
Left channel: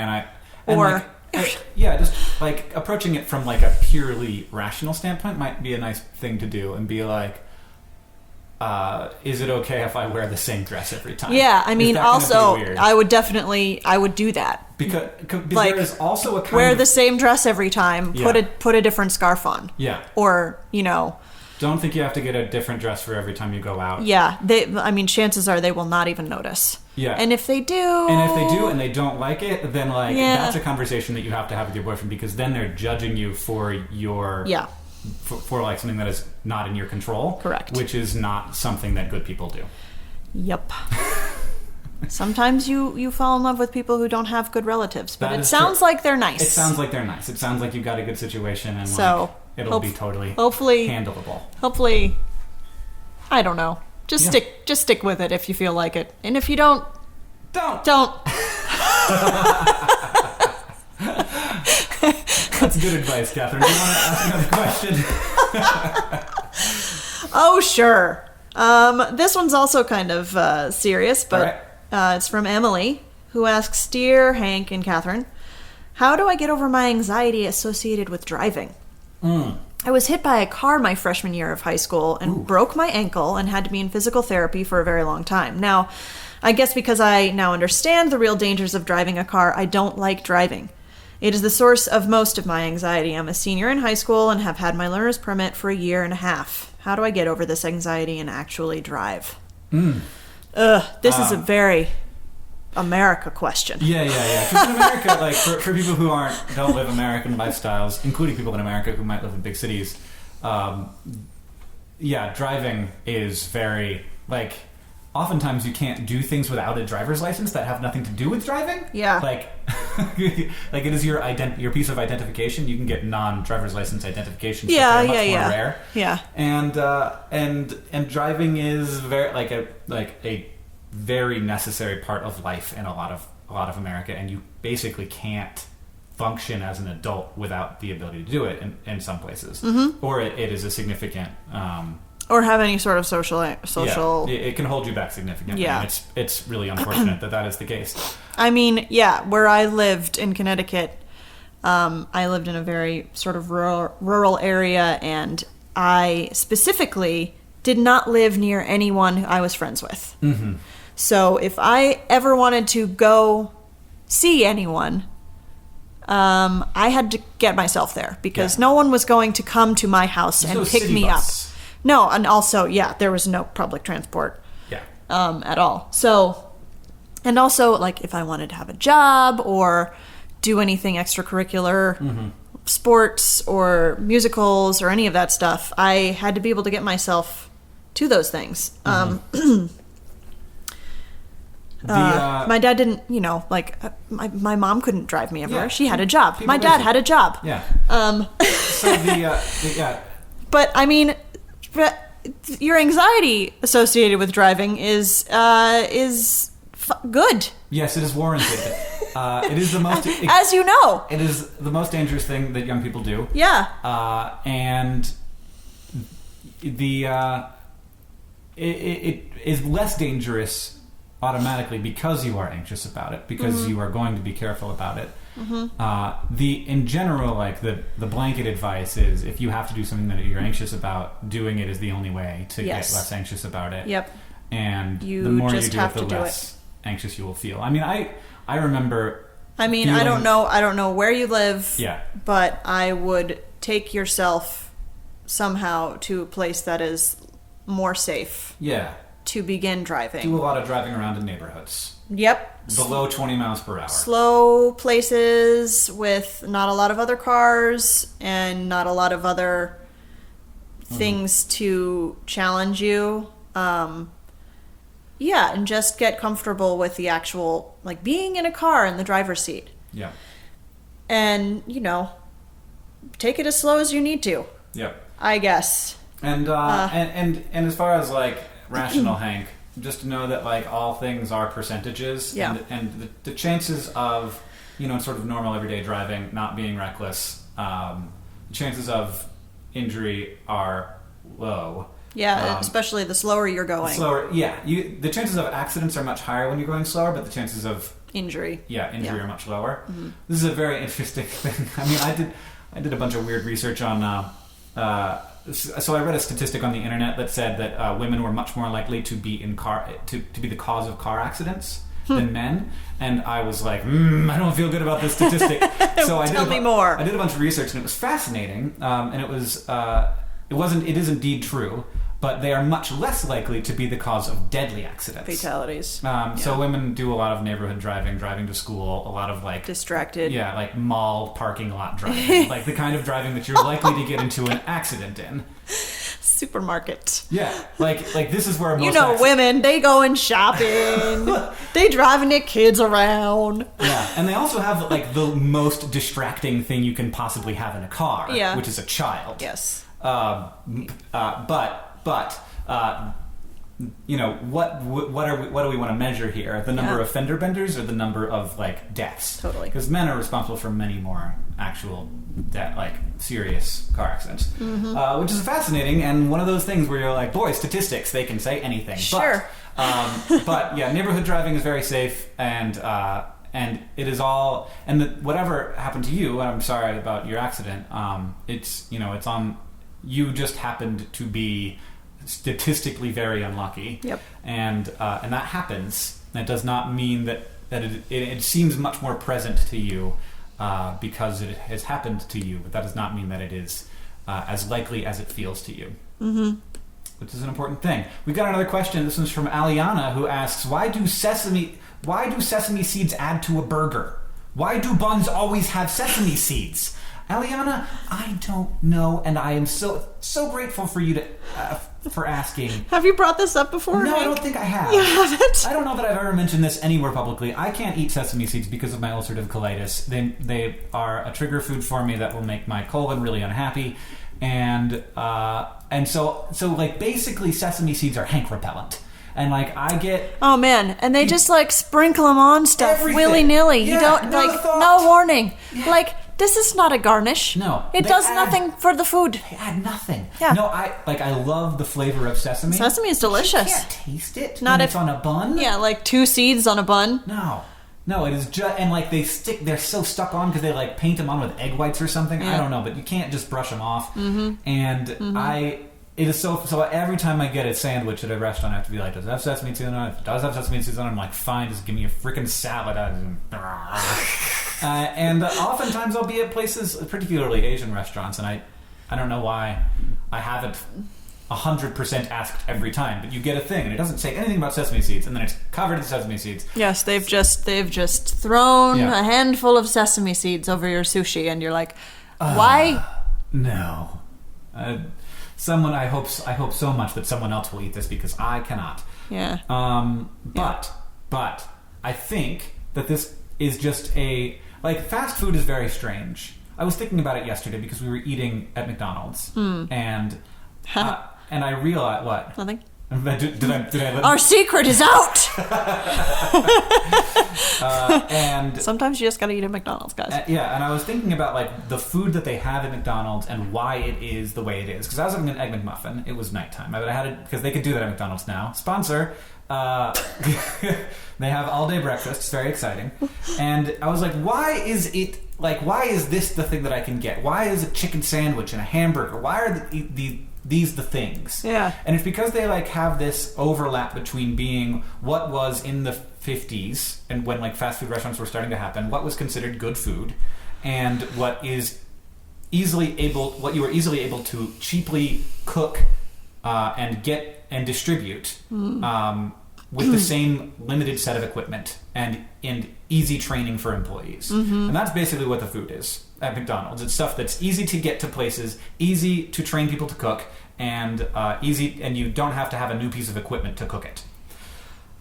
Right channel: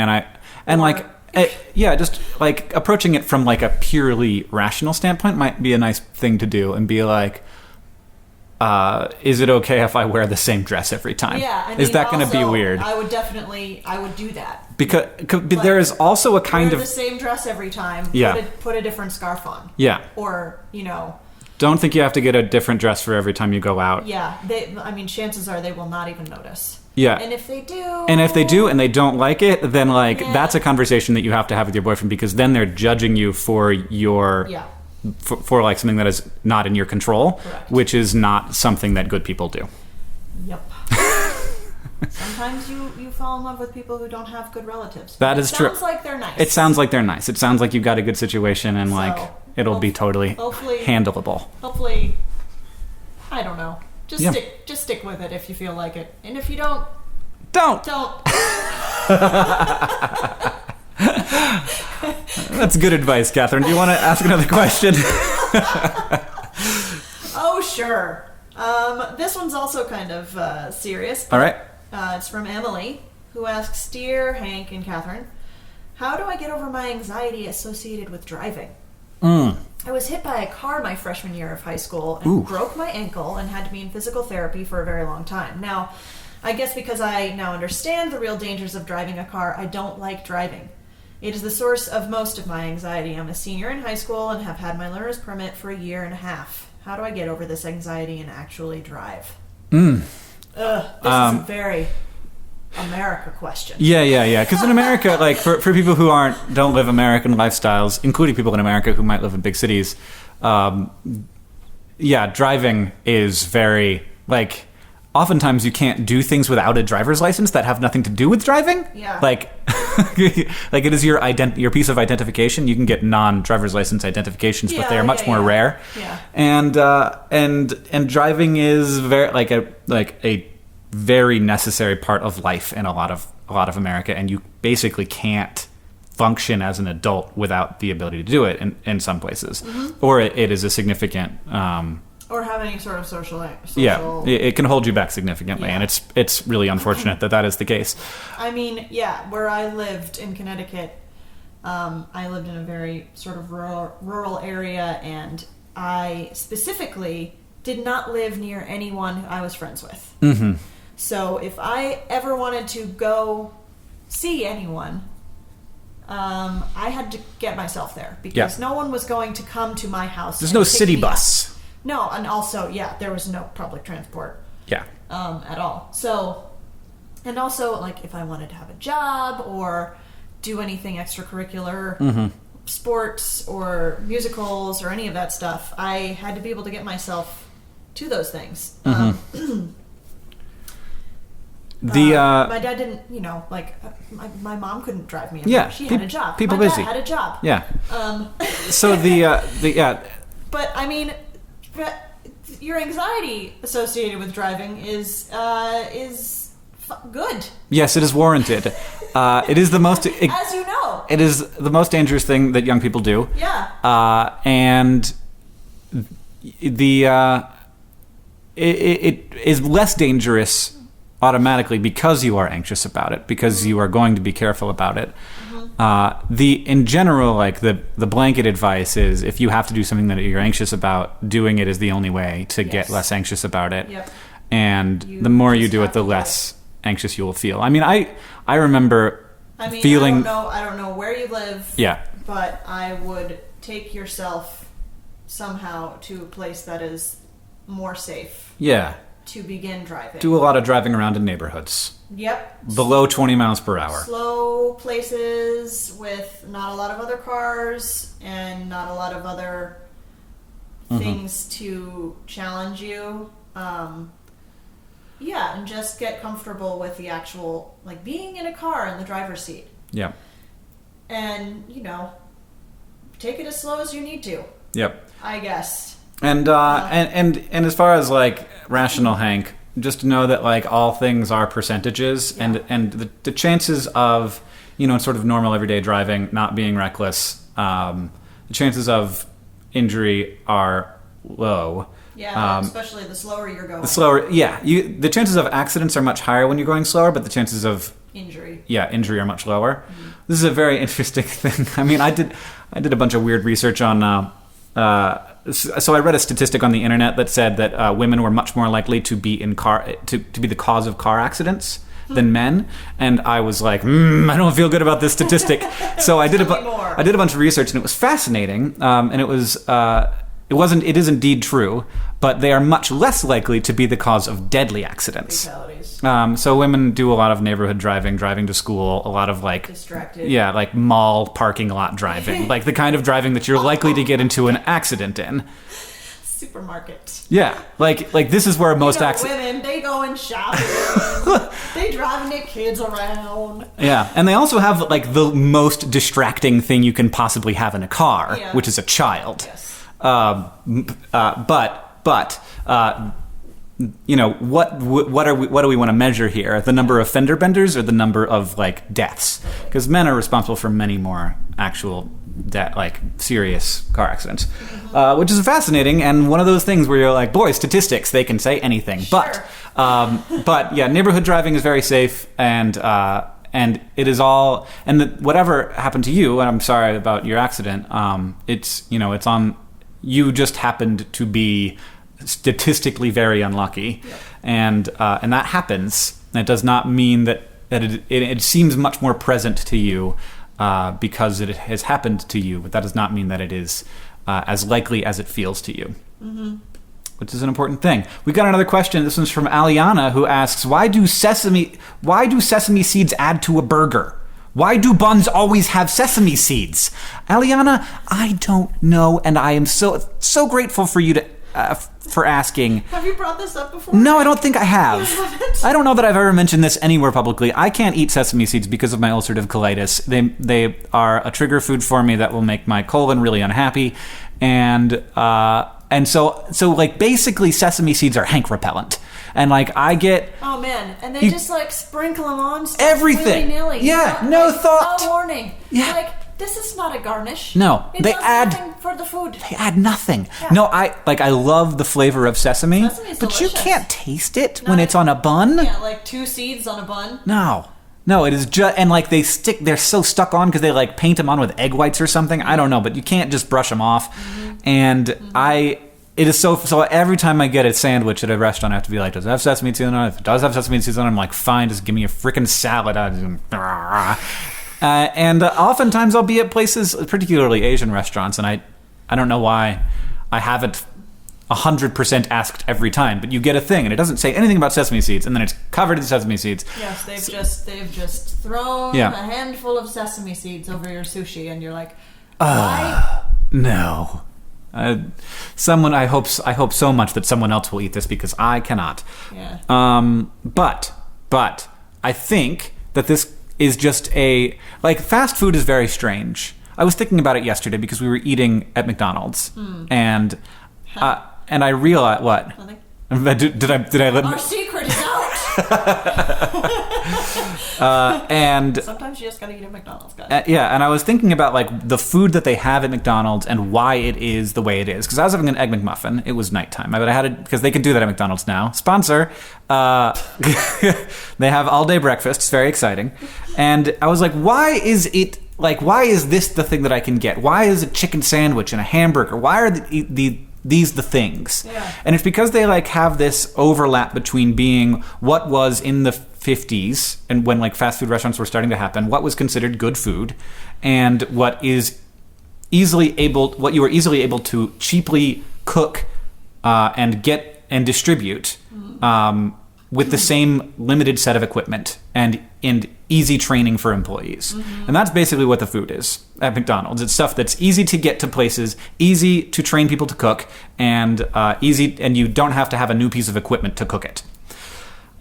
just like approaching it from like a purely rational standpoint might be a nice thing to do, and be like, is it okay if I wear the same dress every time? Yeah, I mean, is that going to be weird? I would do that. Because there is also a kind wear of... the same dress every time, put a different scarf on. Yeah. Or, Don't think you have to get a different dress for every time you go out. Yeah, chances are they will not even notice. Yeah. And if they do and they don't like it, then like that's a conversation that you have to have with your boyfriend, because then they're judging you for your for like something that is not in your control. Correct. Which is not something that good people do. Yep. Sometimes you fall in love with people who don't have good relatives. But that it sounds like they're nice. It sounds like they're nice. It sounds like you've got a good situation, and like it'll be totally handleable. Hopefully, I don't know. Just stick with it if you feel like it. And if you don't. That's good advice, Katherine. Do you want to ask another question? Oh, sure. This one's also kind of serious, but All right. It's from Emily, who asks, Dear Hank and Katherine, how do I get over my anxiety associated with driving? I was hit by a car my freshman year of high school and broke my ankle and had to be in physical therapy for a very long time. Now, I guess because I now understand the real dangers of driving a car, I don't like driving. It is the source of most of my anxiety. I'm a senior in high school and have had my learner's permit for 1.5 years. How do I get over this anxiety and actually drive? This is a very America question. Yeah. Because in America, like for people who don't live American lifestyles, including people in America who might live in big cities, driving is very like. Oftentimes you can't do things without a driver's license that have nothing to do with driving. Yeah. Like it is your piece of identification. You can get non-driver's license identifications, but they're much more rare. Yeah. And driving is very a very necessary part of life in a lot of America, and you basically can't function as an adult without the ability to do it in some places. Mm-hmm. Or it is a significant or have any sort of social. Yeah, it can hold you back significantly, and it's really unfortunate that is the case. I mean, where I lived in Connecticut, I lived in a very sort of rural area, and I specifically did not live near anyone I was friends with. Mm-hmm. So if I ever wanted to go see anyone, I had to get myself there because no one was going to come to my house and pick me up. There's no city bus. No, and also, there was no public transport. Yeah. At all. So, and also, like, if I wanted to have a job or do anything extracurricular, sports or musicals or any of that stuff, I had to be able to get myself to those things. My dad didn't, my mom couldn't drive me everywhere. She had a job. My dad had a job. Yeah. So But, I mean, your anxiety associated with driving is good. Yes, it is warranted. It is the most... As you know. It is the most dangerous thing that young people do. Yeah. And it is less dangerous automatically because you are anxious about it, because you are going to be careful about it. In general, like the blanket advice is if you have to do something that you're anxious about, doing it is the only way to get less anxious about it. Yep. And the more you do it, the less anxious you will feel. I mean, I remember feeling... I don't know where you live. Yeah. But I would take yourself somehow to a place that is more safe. Yeah. To begin driving. Do a lot of driving around in neighborhoods. Yep. Below 20 miles per hour. Slow places with not a lot of other cars and not a lot of other things to challenge you. And just get comfortable with the actual, like, being in a car in the driver's seat. Yeah. And, take it as slow as you need to. Yep. I guess. And as far as, like, rational Hank, just to know that, like, all things are percentages, and the chances of, in sort of normal everyday driving not being reckless, the chances of injury are low. Yeah, especially the slower you're going. The chances of accidents are much higher when you're going slower, but the chances of injury are much lower. Mm-hmm. This is a very interesting thing. I mean, I did a bunch of weird research on. So I read a statistic on the internet that said that women were much more likely to be to be the cause of car accidents than men, and I was like, I don't feel good about this statistic. So I did I did a bunch of research, and it was fascinating. And it is indeed true, but they are much less likely to be the cause of deadly accidents. Fatalities. So women do a lot of neighborhood driving to school, a lot of like distracted. Yeah, like mall parking lot driving, like the kind of driving that you're likely to get into an accident in. Supermarket. Yeah, like this is where most women, they go in shopping, they driving their kids around. Yeah, and they also have like the most distracting thing you can possibly have in a car, which is a child. Yes. But what do we want to measure here? The number of fender benders or the number of like deaths? Totally. Because men are responsible for many more actual serious car accidents, which is fascinating and one of those things where you're like, boy, statistics, they can say anything. Sure. But yeah, neighborhood driving is very safe, and it is all, and whatever happened to you, and I'm sorry about your accident. It's on. You just happened to be statistically very unlucky, yep. And that happens. That does not mean that it seems much more present to you because it has happened to you, but that does not mean that it is as likely as it feels to you. Mm-hmm. Which is an important thing. We got another question. This one's from Aliana, who asks, Why do sesame seeds add to a burger? Why do buns always have sesame seeds? Aliana, I don't know, and I am so grateful for you for asking. Have you brought this up before? No, I don't think I have. You haven't? I don't know that I've ever mentioned this anywhere publicly. I can't eat sesame seeds because of my ulcerative colitis. They are a trigger food for me that will make my colon really unhappy, and so like basically sesame seeds are Hank repellent. And like I get... Oh man, and they just like sprinkle them on stuff everything. Willy-nilly. Yeah, you don't, no thought. No warning. Yeah. Like, this is not a garnish. No. It does nothing for the food. They add nothing. Yeah. No, I love the flavor of sesame. Sesame is delicious. But you can't taste it when it's on a bun. Yeah, like 2 seeds on a bun. No, it is just... And like they're so stuck on because they like paint them on with egg whites or something. I don't know, but you can't just brush them off. Mm-hmm. And it is so every time I get a sandwich at a restaurant, I have to be like, does it have sesame seeds on it? If it does have sesame seeds on it, I'm like, fine, just give me a freaking salad. And oftentimes I'll be at places, particularly Asian restaurants, and I don't know why I haven't 100% asked every time, but you get a thing, and it doesn't say anything about sesame seeds, and then it's covered in sesame seeds. Yes, they've just thrown a handful of sesame seeds over your sushi, and you're like, why? No. Someone, I hope so much that someone else will eat this because I cannot. Yeah. But I think that this is just fast food is very strange. I was thinking about it yesterday because we were eating at McDonald's, and I realized what? Nothing. Did I let Our secret is out. and sometimes you just gotta eat at McDonald's, guys. And I was thinking about like the food that they have at McDonald's and why it is the way it is. Because I was having an Egg McMuffin. It was nighttime, but I had it because they can do that at McDonald's now. Sponsor. They have all day breakfast. It's very exciting. And I was like, why is this the thing that I can get? Why is a chicken sandwich and a hamburger? Why are these the things? Yeah. And it's because they like have this overlap between being what was in the 50s and when like fast food restaurants were starting to happen, what was considered good food, and what you were easily able to cheaply cook and get and distribute with the same limited set of equipment and easy training for employees. Mm-hmm. And that's basically what the food is at McDonald's. It's stuff that's easy to get to places, easy to train people to cook, and and you don't have to have a new piece of equipment to cook it.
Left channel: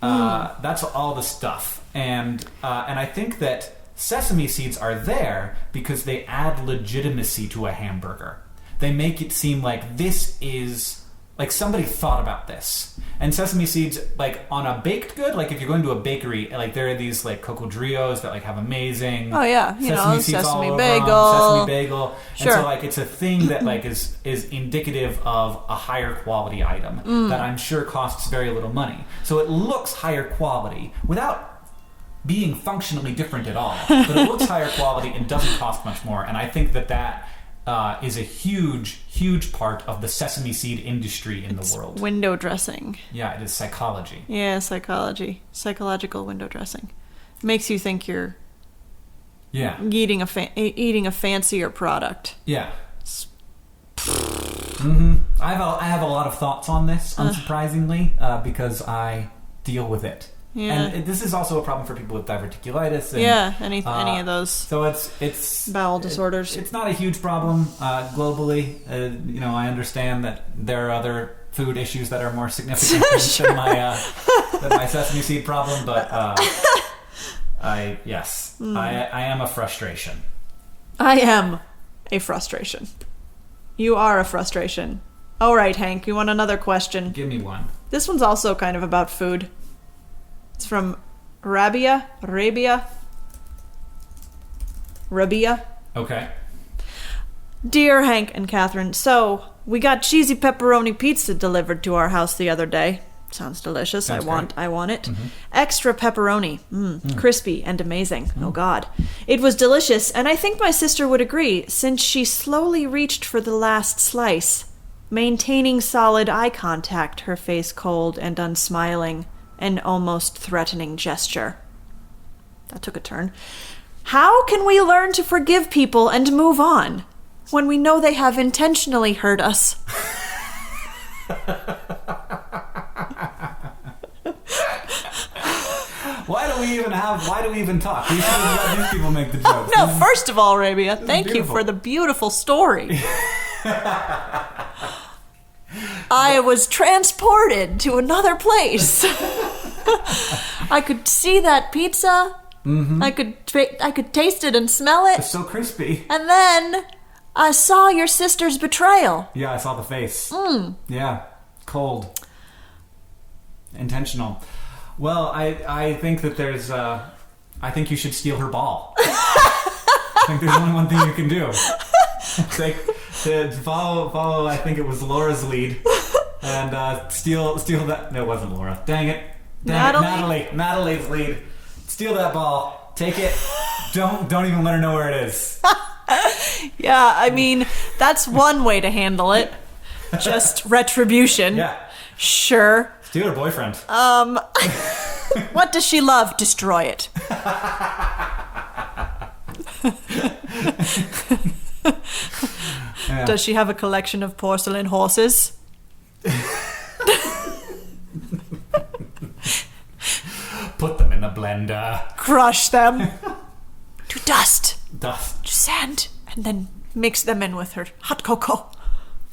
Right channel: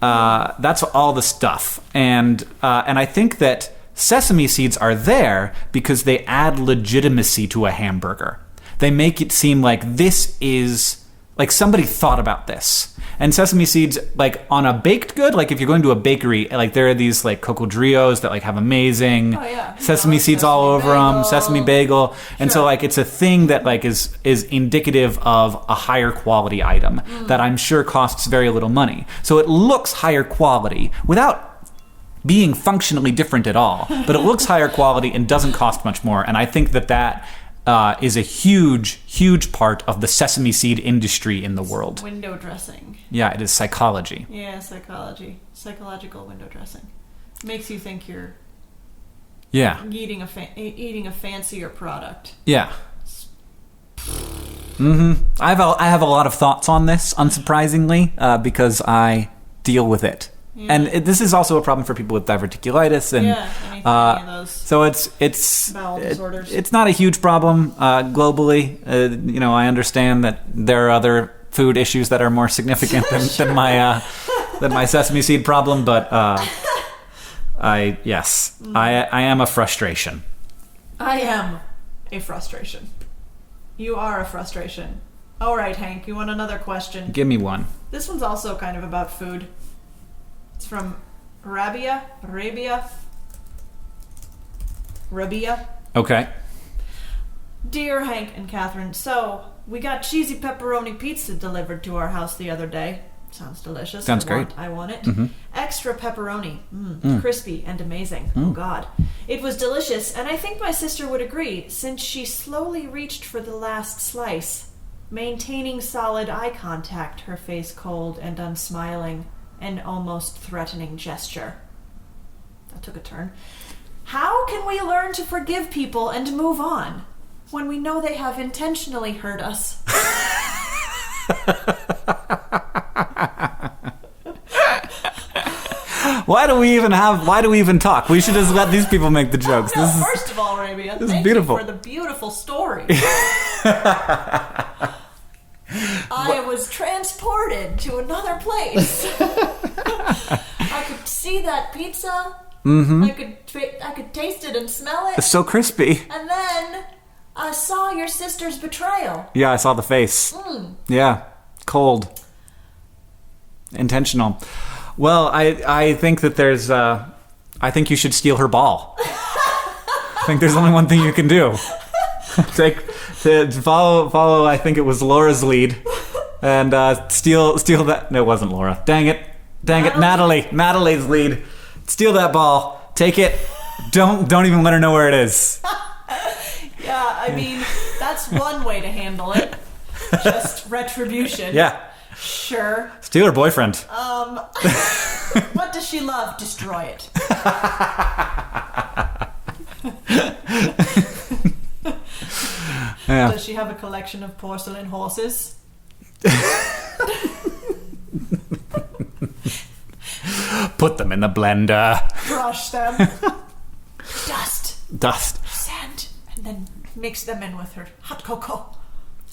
That's all the stuff. And I think that sesame seeds are there because they add legitimacy to a hamburger. They make it seem like this is... like somebody thought about this. And sesame seeds, like on a baked good, like if you're going to a bakery, like there are these like cocodrillos that like have amazing sesame seeds all over them, sesame bagel. Sure. And so like it's a thing that like is indicative of a higher quality item that I'm sure costs very little money. So it looks higher quality without being functionally different at all. But it looks higher quality and doesn't cost much more. And I think that is a huge, huge part of the sesame seed industry in the world. Window dressing. Yeah, it is psychology. Yeah, psychology. Psychological window dressing. Makes you think you're eating a fancier product. Yeah. Mm-hmm. I have a lot of thoughts on this, unsurprisingly, because I deal with it. Yeah. And this is also a problem for people with diverticulitis and any of those. So it's bowel disorders. It's not a huge problem globally. I understand that there are other food issues that are more significant than my sesame seed problem, but I am a frustration. I am a frustration. You are a frustration. All right, Hank, you want another question? Give me one. This one's also kind of about food. It's from Rabia. Okay. Dear Hank and Catherine, so we got cheesy pepperoni pizza delivered to our house the other day. Sounds delicious. Sounds great. I want it. Mm-hmm. Extra pepperoni. Crispy and amazing. Oh, God. It was delicious, and I think my sister would agree, since she slowly reached for the last slice, maintaining solid eye contact, her face cold and unsmiling, an almost threatening gesture. That took a turn. How can we learn to forgive people and move on when we know they have intentionally hurt us? Why do we even talk? We should just let these people make the jokes. No, first of all, Arabia, thank you beautiful. for the beautiful story. I was transported to another place. I could see that pizza. Mm-hmm. I could taste it and smell it. It's so crispy. And then I saw your sister's betrayal. Yeah, I saw the face. Yeah, cold. Intentional. Well, I think that there's... I think you should steal her ball. I think there's only one thing you can do. Follow, I think it was Laura's lead. And steal that... No, it wasn't Laura. Dang it. Natalie. Natalie's lead. Steal that ball. Take it. Don't even let her know where it is. Yeah, I mean, that's one way to handle it. Just retribution. Yeah. Sure. Steal her boyfriend. What does she love? Destroy it. Yeah. Does she have a collection of porcelain horses? Put them in the blender. Crush them to dust. Dust. To sand. And then mix them in with her hot cocoa.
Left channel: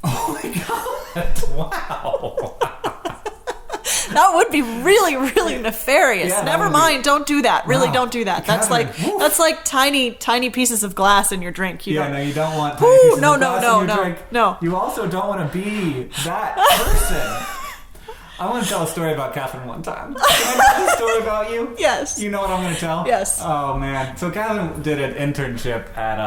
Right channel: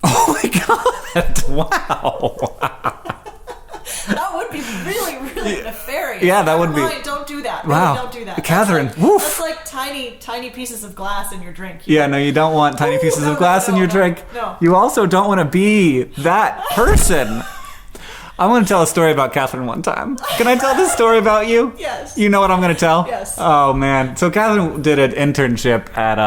Oh my god. Wow. That would be really, really nefarious. Yeah, that Never would be... mind, don't do that. Really, Wow. don't do that. Catherine, That's like tiny pieces of glass in your drink. No, you don't want tiny pieces of glass in your drink. No. You also don't want to be that person. I want to tell a story about Catherine one time. Can I tell this story about you? Yes. You know what I'm going to tell? Yes. Oh, man. So Catherine did an internship at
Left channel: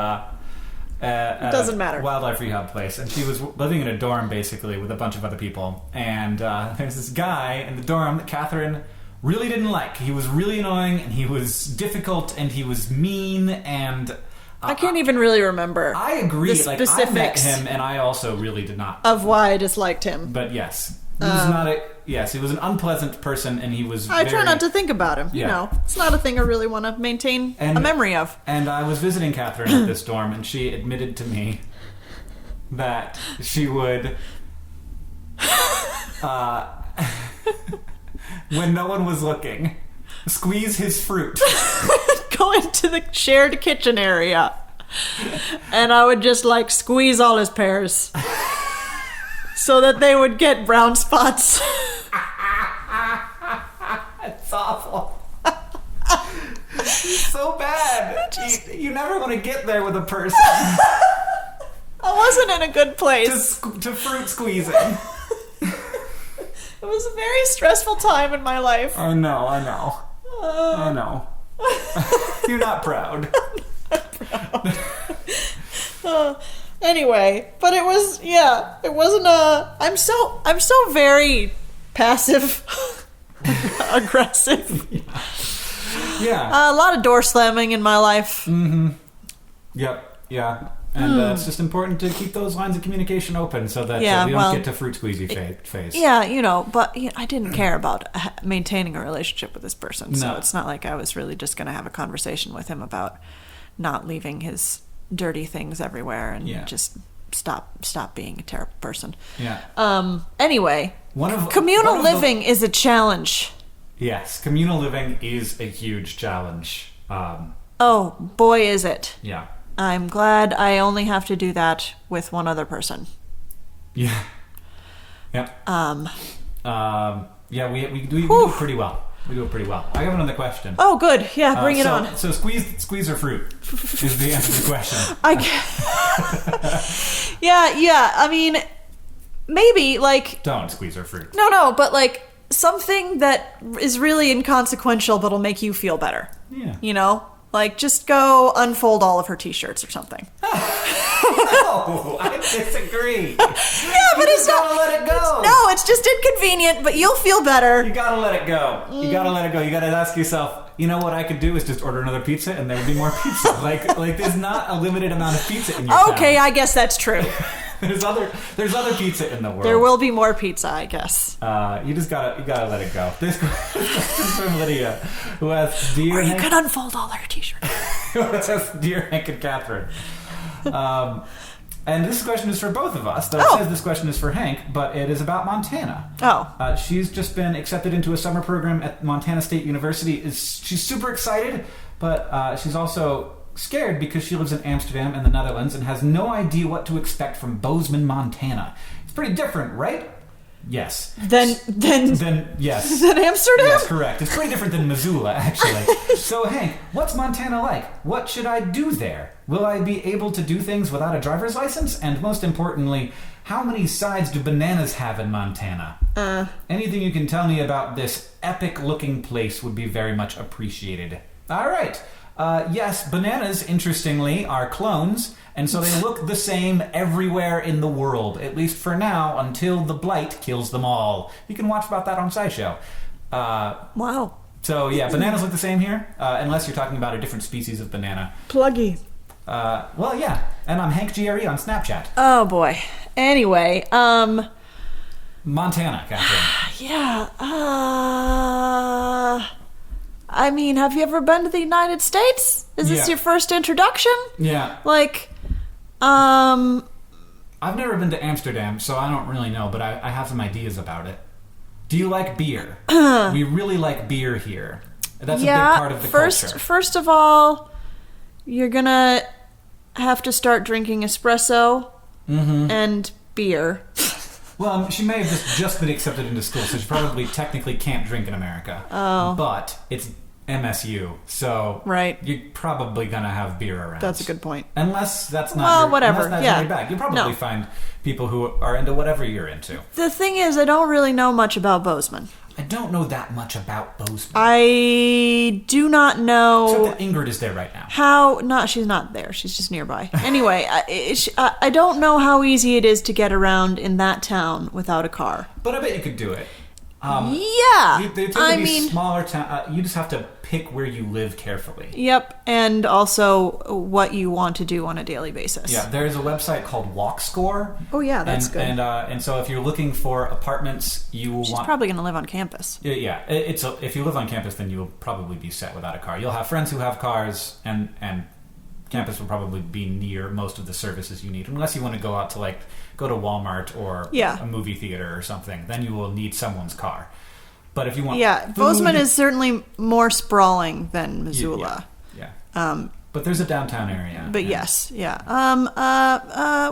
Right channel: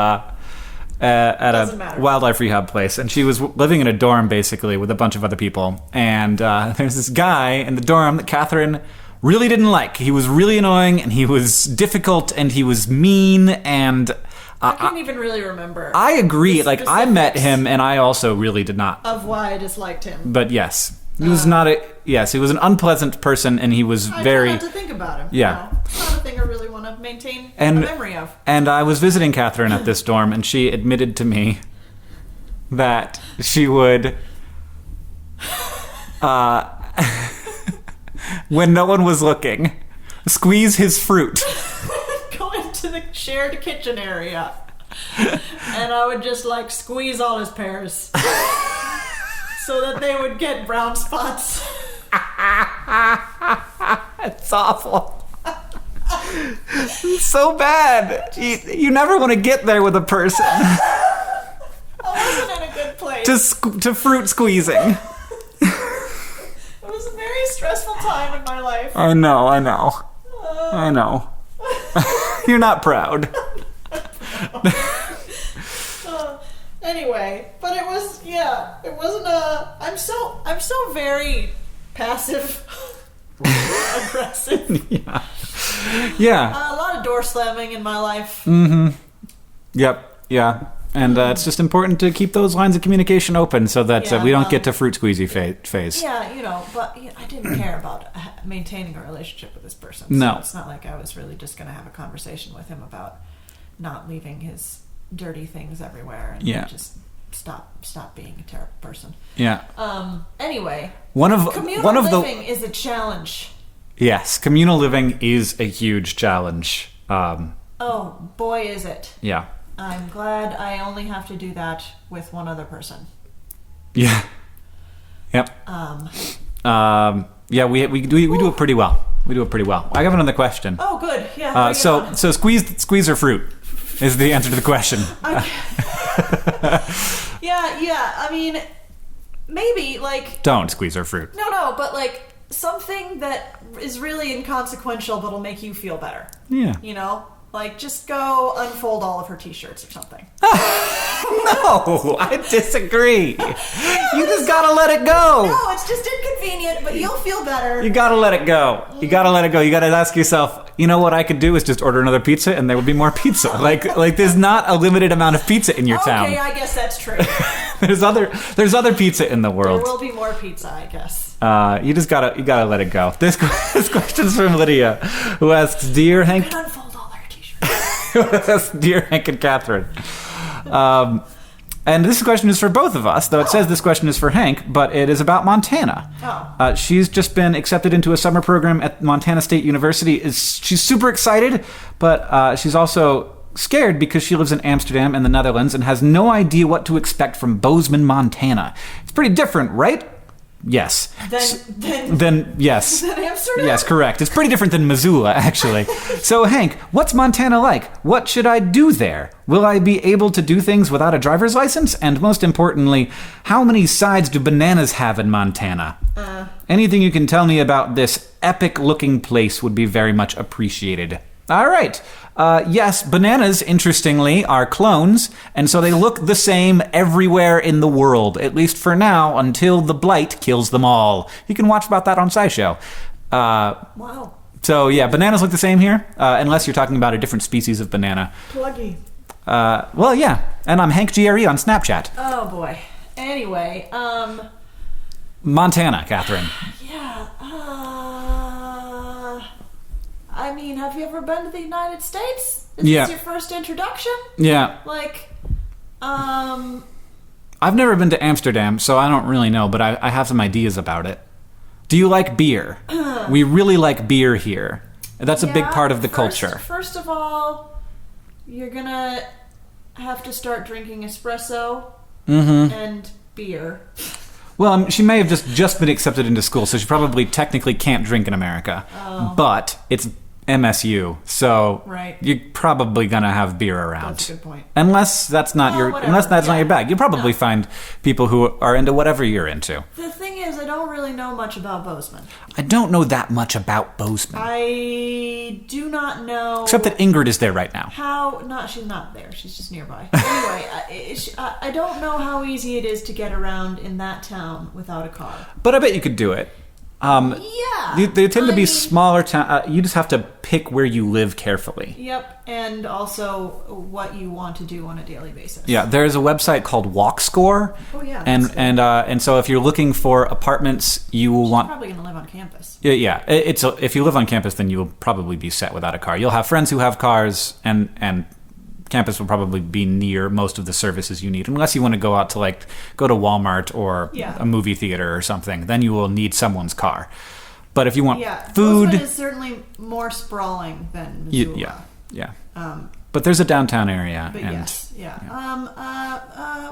Doesn't a matter. wildlife rehab place, and she was living in a dorm basically with a bunch of other people. And there's this guy in the dorm that Catherine really didn't like. He was really annoying, and he was difficult, and he was mean, and I can't even really remember. I agree. the Like, I met specifics him, and I also really did not. of why I disliked him. But yes, he was not a... Yes, he was an unpleasant person, and he was I very... try not to think about him. Yeah. You know, it's not a thing I really want to maintain And- a memory of. And I was visiting Catherine at this dorm, and she admitted to me that she would... when no one was looking, squeeze his fruit. Go into the shared kitchen area. And I would just, like, squeeze all his pears. So that they would get brown spots. It's awful. It's so bad. You never want to get there with a person. I wasn't in a good place. to fruit squeezing. It was a very stressful time in my life. I know. You're not proud. Anyway, but it was, it wasn't I'm so very passive aggressive. Yeah. A lot of door slamming in my life. Yep. Yeah. And it's just important to keep those lines of communication open so that we don't get to fruit squeezy phase. Yeah, but I didn't care about maintaining a relationship with this person. So No. it's not like I was really just going to have a conversation with him about not leaving his dirty things everywhere and just stop being a terrible person. Yeah. Anyway, Communal communal living is a challenge. Yes, communal living is a huge challenge. Oh, boy, is it. Yeah. I'm glad I only have to do that with one other person. Yeah. Yep. Yeah, we do it pretry well. We do it pretty well. I have another question. Oh, good. Yeah, bring it on. So squeeze her fruit is the answer to the question. Yeah. I mean, maybe, like... Don't squeeze her fruit. No, but, like, something that is really inconsequential but'll make you feel better. Yeah. You know? Like, just go unfold all of her t-shirts or something. No, I disagree. You just gotta let it go. No, it's just inconvenient, but you'll feel better. You gotta let it go. You gotta let it go. You gotta ask yourself, you know what I could do is just order another pizza and there would be more pizza. Like there's not a limited amount of pizza in your town. Okay, I guess that's true. There's other pizza in the world. There will be more pizza, I guess. You gotta let it go. This question's from Lydia, who asks, "Dear Hank," you could unfold all our t-shirts. who asks, "Dear Hank and Catherine." And this question is for both of us, though it says this question is for Hank, but it is about Montana. Oh. She's just been accepted into a summer program at Montana State University. She's super excited, but she's also scared because she lives in Amsterdam and the Netherlands and has no idea what to expect from Bozeman, Montana. It's pretty different, right? Yes. Then yes. Than Amsterdam? Yes, correct. It's pretty different than Missoula, actually. So, Hank, what's Montana like? What should I do there? Will I be able to do things without a driver's license? And most importantly, how many sides do bananas have in Montana? Anything you can tell me about this epic-looking place would be very much appreciated. All right. Yes, bananas, interestingly, are clones, and so they look the same everywhere in the world, at least for now, until the blight kills them all. You can watch about that on SciShow. Wow. So, yeah, bananas look the same here, unless you're talking about a different species of banana. Pluggy. Well, yeah, and I'm Hank GRE on Snapchat. Oh, boy. Anyway, Montana, Catherine. Yeah, I mean, have you ever been to the United States? Is this your first introduction? Yeah. I've never been to Amsterdam, so I don't really know, but I have some ideas about it. Do you like beer? We really like beer here. That's a big part of the culture. First of all, you're gonna have to start drinking espresso and beer. Well, she may have just been accepted into school, so she probably technically can't drink in America. Oh. But it's MSU, so right. you're probably gonna have beer around. That's a good point. Unless that's not not your bag. You'll probably find people who are into whatever you're into. The thing is, I don't really know much about Bozeman. I don't know that much about Bozeman. I do not know. Except that Ingrid is there right now. She's not there. She's just nearby. Anyway, I don't know how easy it is to get around in that town without a car. But I bet you could do it. They tend to be smaller towns. You just have to pick where you live carefully. Yep, and also what you want to do on a daily basis. Yeah, there's a website called WalkScore. Oh yeah, that's good. And so if you're looking for apartments, you will She's probably going to live on campus. Yeah. If you live on campus, then you will probably be set without a car. You'll have friends who have cars, and campus will probably be near most of the services you need, unless you want to go out to go to Walmart or a movie theater or something. Then you will need someone's car. But if you want food, Bozeman is certainly more sprawling than Missoula. Yeah. But there's a downtown area. But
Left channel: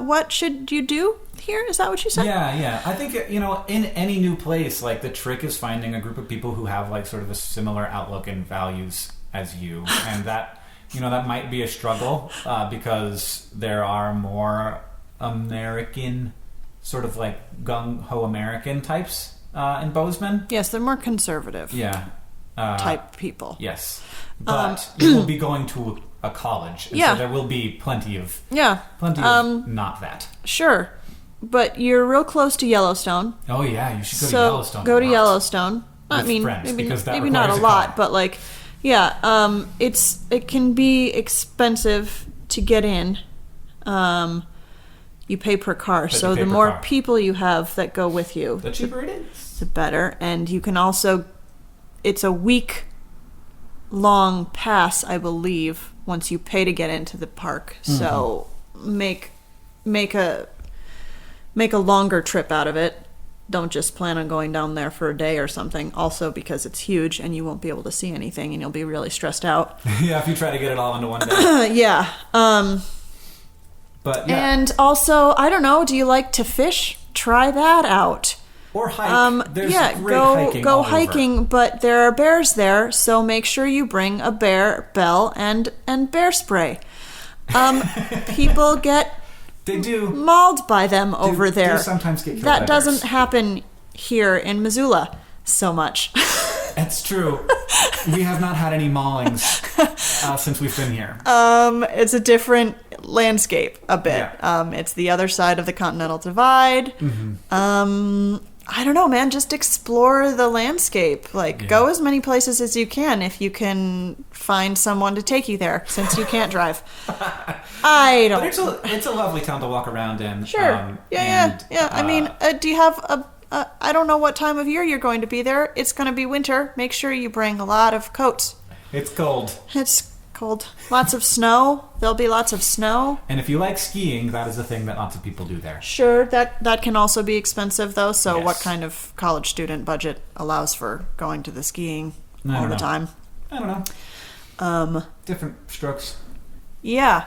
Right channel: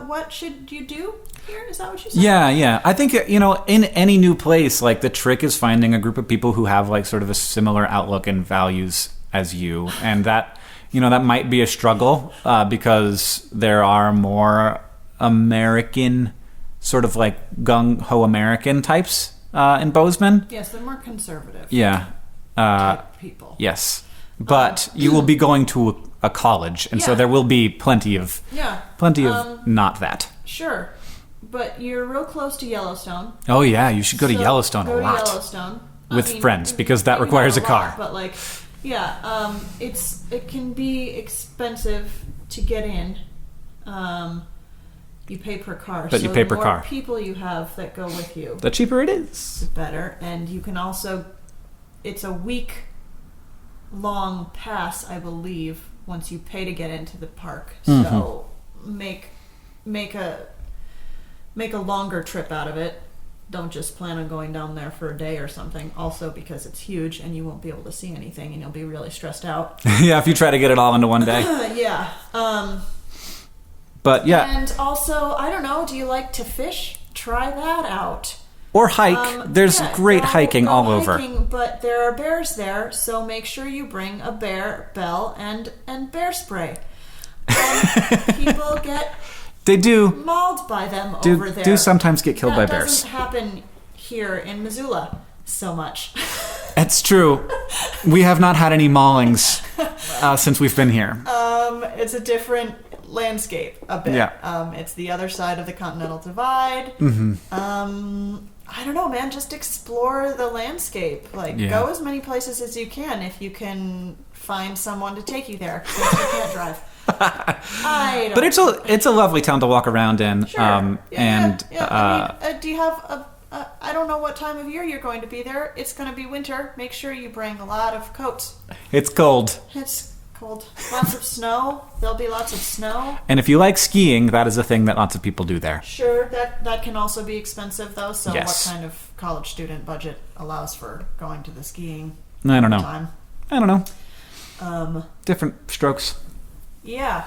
what should you do here? Is that what you said? Yeah. I think in any new place, the trick is finding a group of people who have sort of a similar outlook and values as you, and that. That might be a struggle because there are more American, sort of gung-ho American types in Bozeman. Yes, they're more conservative. Yeah. Type people. Yes. But you will be going to a college, and so there will be plenty of not that. Sure. But you're real close to Yellowstone. Oh, yeah. You should go to Yellowstone Go to Yellowstone. With friends, because that requires maybe a car. Lot, but it can be expensive to get in. You pay per car, so the more people you have that go with you, the cheaper it is. The better, and you can also. It's a week-long pass, I believe, once you pay to get into the park. So make a longer trip out of it. Don't just plan on going down there for a day or something. Also, because it's huge and you won't be able to see anything and you'll be really stressed out. Yeah, if you try to get it all into one day. Yeah. But yeah. And also, I don't know, do you like to fish? Try that out. Or hike. There's great hiking all over. Go hiking, but there are bears there, so make sure you bring a bear bell and bear spray. People get... They do mauled by them over there. Do sometimes get killed by bears. That doesn't happen here in Missoula so much. It's true. We have not had any maulings since we've been here. It's a different landscape a bit. Yeah. It's the other side of the Continental Divide. Mm-hmm. I don't know, man. Just explore the landscape. Go as many places as you can if you can find someone to take you there, since you can't drive. I don't. But it's a lovely town to walk around in. Sure. Yeah. I mean, do you have I don't know what time of year you're going to be there. It's going to be winter. Make sure you bring a lot of coats. It's cold. It's cold. Lots of snow. There'll be lots of snow. And if you like skiing, that is a thing that lots of people do there. Sure, that can also be expensive, though. So Yes. what kind of college student budget allows for going to the skiing I don't all know. the time? I don't know. Different strokes. Yeah.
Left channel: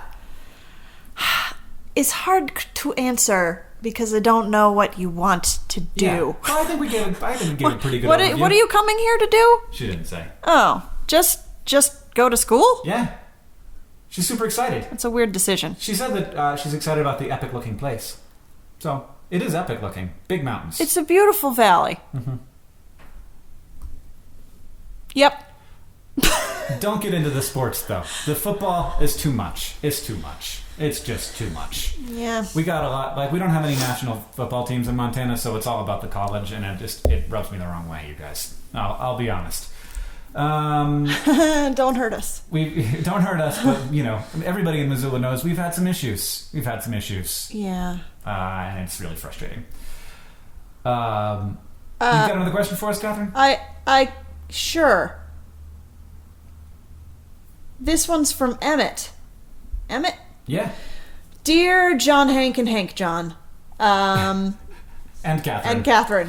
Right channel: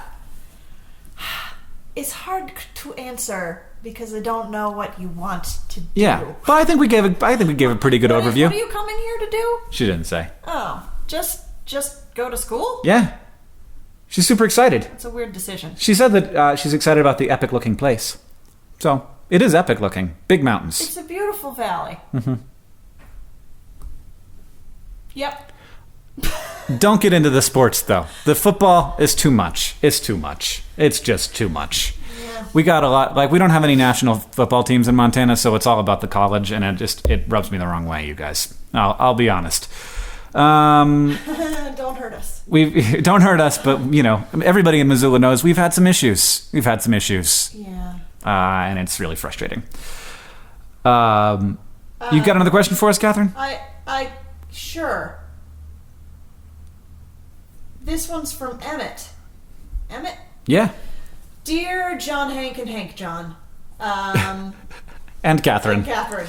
It's hard to answer because I don't know what you want to do. Yeah. Well, I think we gave a pretty good overview. What are you coming here to do? She didn't say. Oh, just go to school? Yeah. She's super excited. That's a weird decision. She said that she's excited about the epic-looking place. So, it is epic-looking. Big mountains. It's a beautiful valley. Mm-hmm. Yep. Don't get into the sports, though. The football is too much. It's too much. It's just too much. Yeah. We got a lot... we don't have any national football teams in Montana, so it's all about the college, and it rubs me the wrong way, you guys. I'll be honest. Don't hurt us. Don't hurt us, but, everybody in Missoula knows we've had some issues. Yeah. And it's really frustrating. You got another question for us, Catherine? Sure. This one's from Emmett. Emmett? Yeah. Dear John, Hank, and Hank John. And Catherine. And Katherine.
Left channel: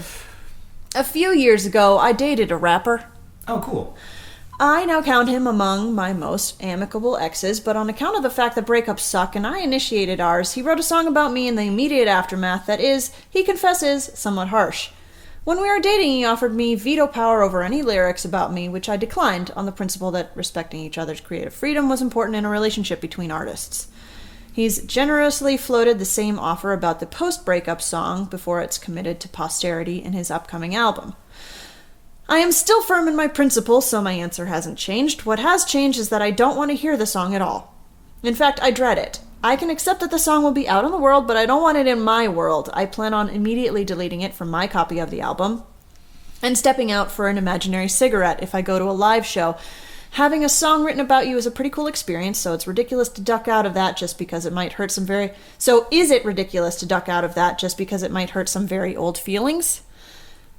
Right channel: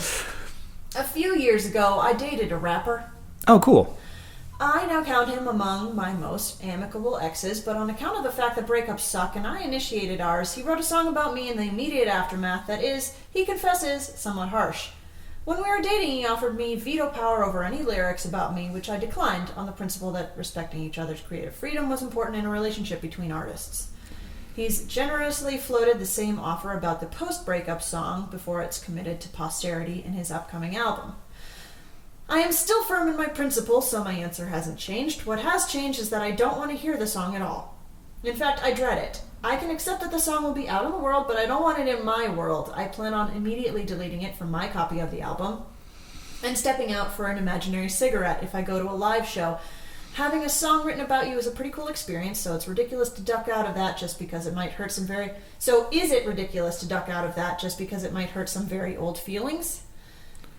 A few years ago, I dated a rapper. Oh, cool. I now count him among my most amicable exes, but on account of the fact that breakups suck and I initiated ours, he wrote a song about me in the immediate aftermath that is, he confesses, somewhat harsh. When we were dating, he offered me veto power over any lyrics about me, which I declined on the principle that respecting each other's creative freedom was important in a relationship between artists. He's generously floated the same offer about the post-breakup song before it's committed to posterity in his upcoming album. I am still firm in my principles, so my answer hasn't changed. What has changed is that I don't want to hear the song at all. In fact, I dread it. I can accept that the song will be out in the world, but I don't want it in my world. I plan on immediately deleting it from my copy of the album and stepping out for an imaginary cigarette if I go to a live show. Having a song written about you is a pretty cool experience, so it's ridiculous to duck out of that just because it might hurt some very... So is it ridiculous to duck out of that just because it might hurt some very old feelings?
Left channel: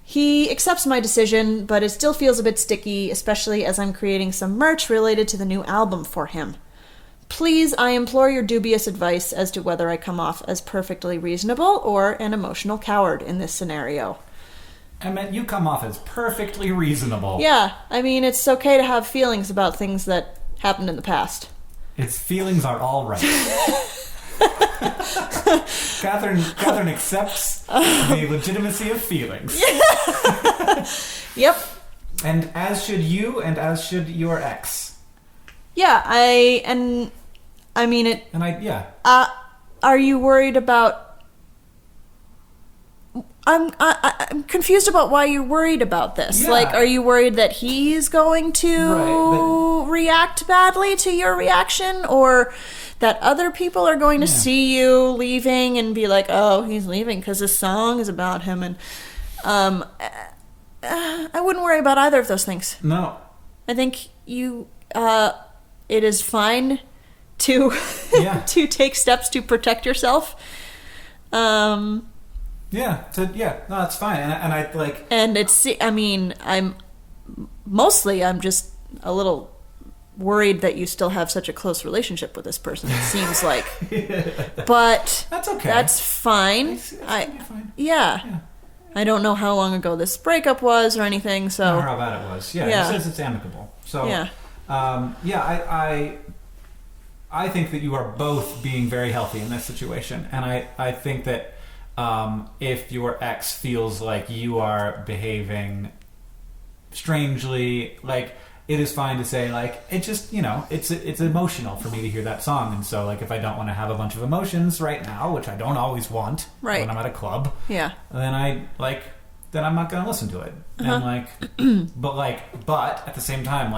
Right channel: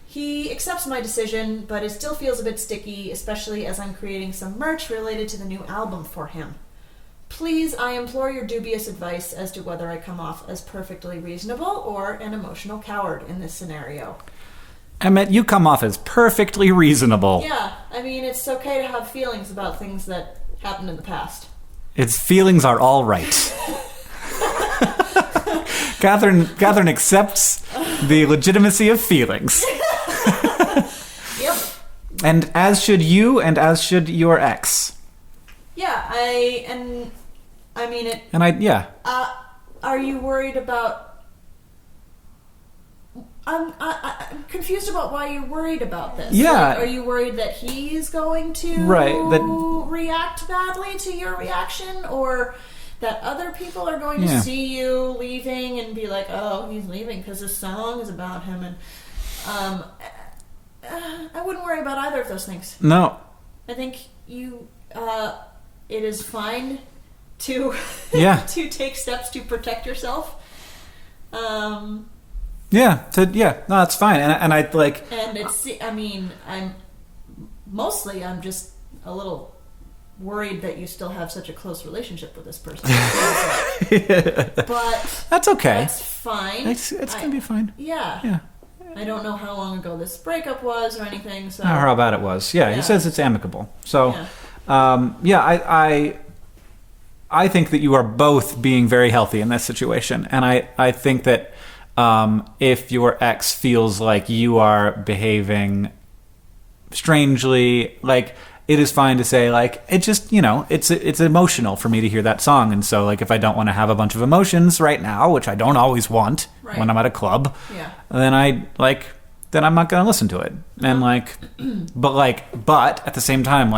He accepts my decision, but it still feels a bit sticky, especially as I'm creating some merch related to the new album for him. Please, I implore your dubious advice as to whether I come off as perfectly reasonable or an emotional coward in this scenario. Emmett, you come off as perfectly reasonable. Yeah, I mean, it's okay to have feelings about things that happened in the past. Its feelings are all right. Catherine accepts the legitimacy of feelings. Yep. And as should you, and as should your ex. Yeah, are you worried about... I'm confused about why you're worried about this. Yeah. Are you worried that he's going to react badly to your reaction, or that other people are going to see you leaving and be like, "Oh, he's leaving because this song is about him"? And I wouldn't worry about either of those things. No. I think it is fine to to take steps to protect yourself. No, it's fine. And I like... And I'm just a little worried that you still have such a close relationship with this person, it seems like. But... That's okay. That's fine. It's going to be fine. Yeah. I don't know how long ago this breakup was or anything, so... Or how bad it was. Yeah, he says it's amicable. So, I think that you are both being very healthy in this situation. And I think that if your ex feels like you are behaving strangely, like, it is fine to say, like, it just, it's emotional for me to hear that song. And so, like, if I don't want to have a bunch of emotions right now, which I don't always want when I'm at a club, then then I'm not going to listen to it. And but at the same time,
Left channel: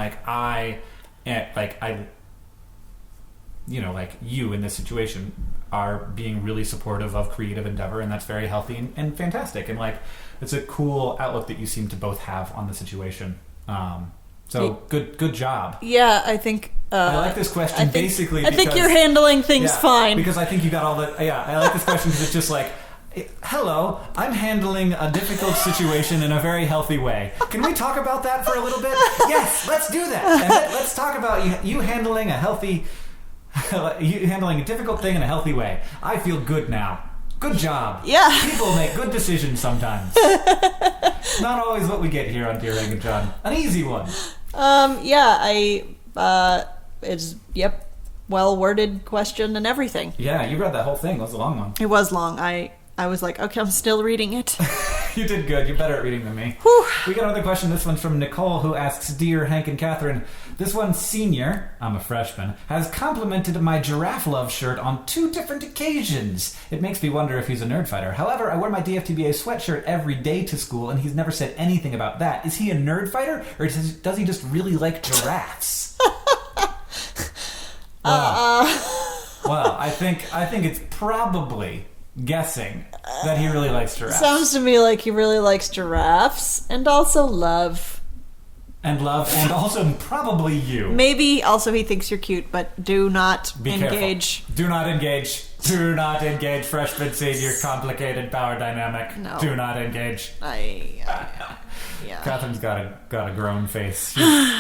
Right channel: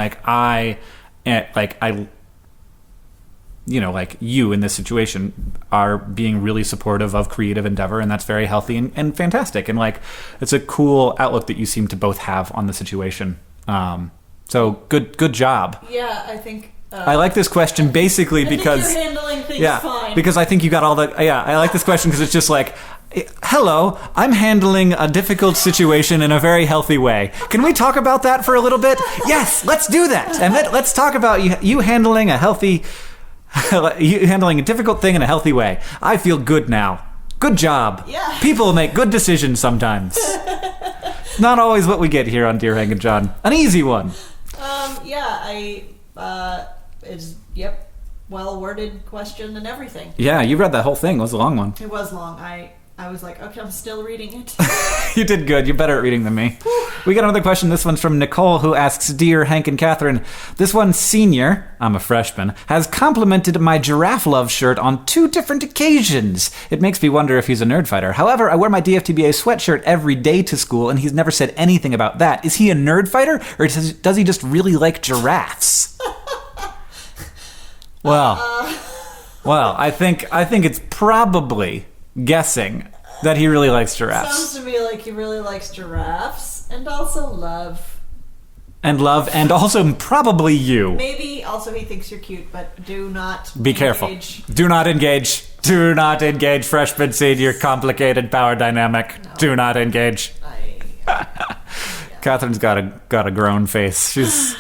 like you in this situation are being really supportive of creative endeavor, and that's very healthy and fantastic. And like, it's a cool outlook that you seem to both have on the situation. So good job. Yeah, I think... I like this question basically because... I think you're handling things fine. Because I think you got all the... Yeah, I like this question because it's just like, hello, I'm handling a difficult situation in a very healthy way. Can we talk about that for a little bit? Yes, let's do that. And let's talk about you handling a healthy... you handling a difficult thing in a healthy way. I feel good now. Good job. Yeah. People make good decisions sometimes. Not always what we get here on Dear Hank and John. An easy one. It's, well-worded question and everything. Yeah, you read that whole thing. It was a long one. It was long. I was like, okay, I'm still reading it. You did good. You're better at reading than me. Whew. We got another question. This one's from Nicole, who asks, Dear Hank and Katherine, this one senior, I'm a freshman, has complimented my Giraffe Love shirt on 2 different occasions. It makes me wonder if he's a Nerdfighter. However, I wear my DFTBA sweatshirt every day to school, and he's never said anything about that. Is he a Nerdfighter, or does he just really like giraffes? Well, I think it's probably guessing that he really likes giraffes. Sounds to me like he really likes giraffes and also love. And also probably you. Maybe also he thinks you're cute, but do not Be engage. Careful. Do not engage. Do not engage, freshman senior, complicated power dynamic. No. Do not engage. Yeah. Catherine's got a grown face. She's...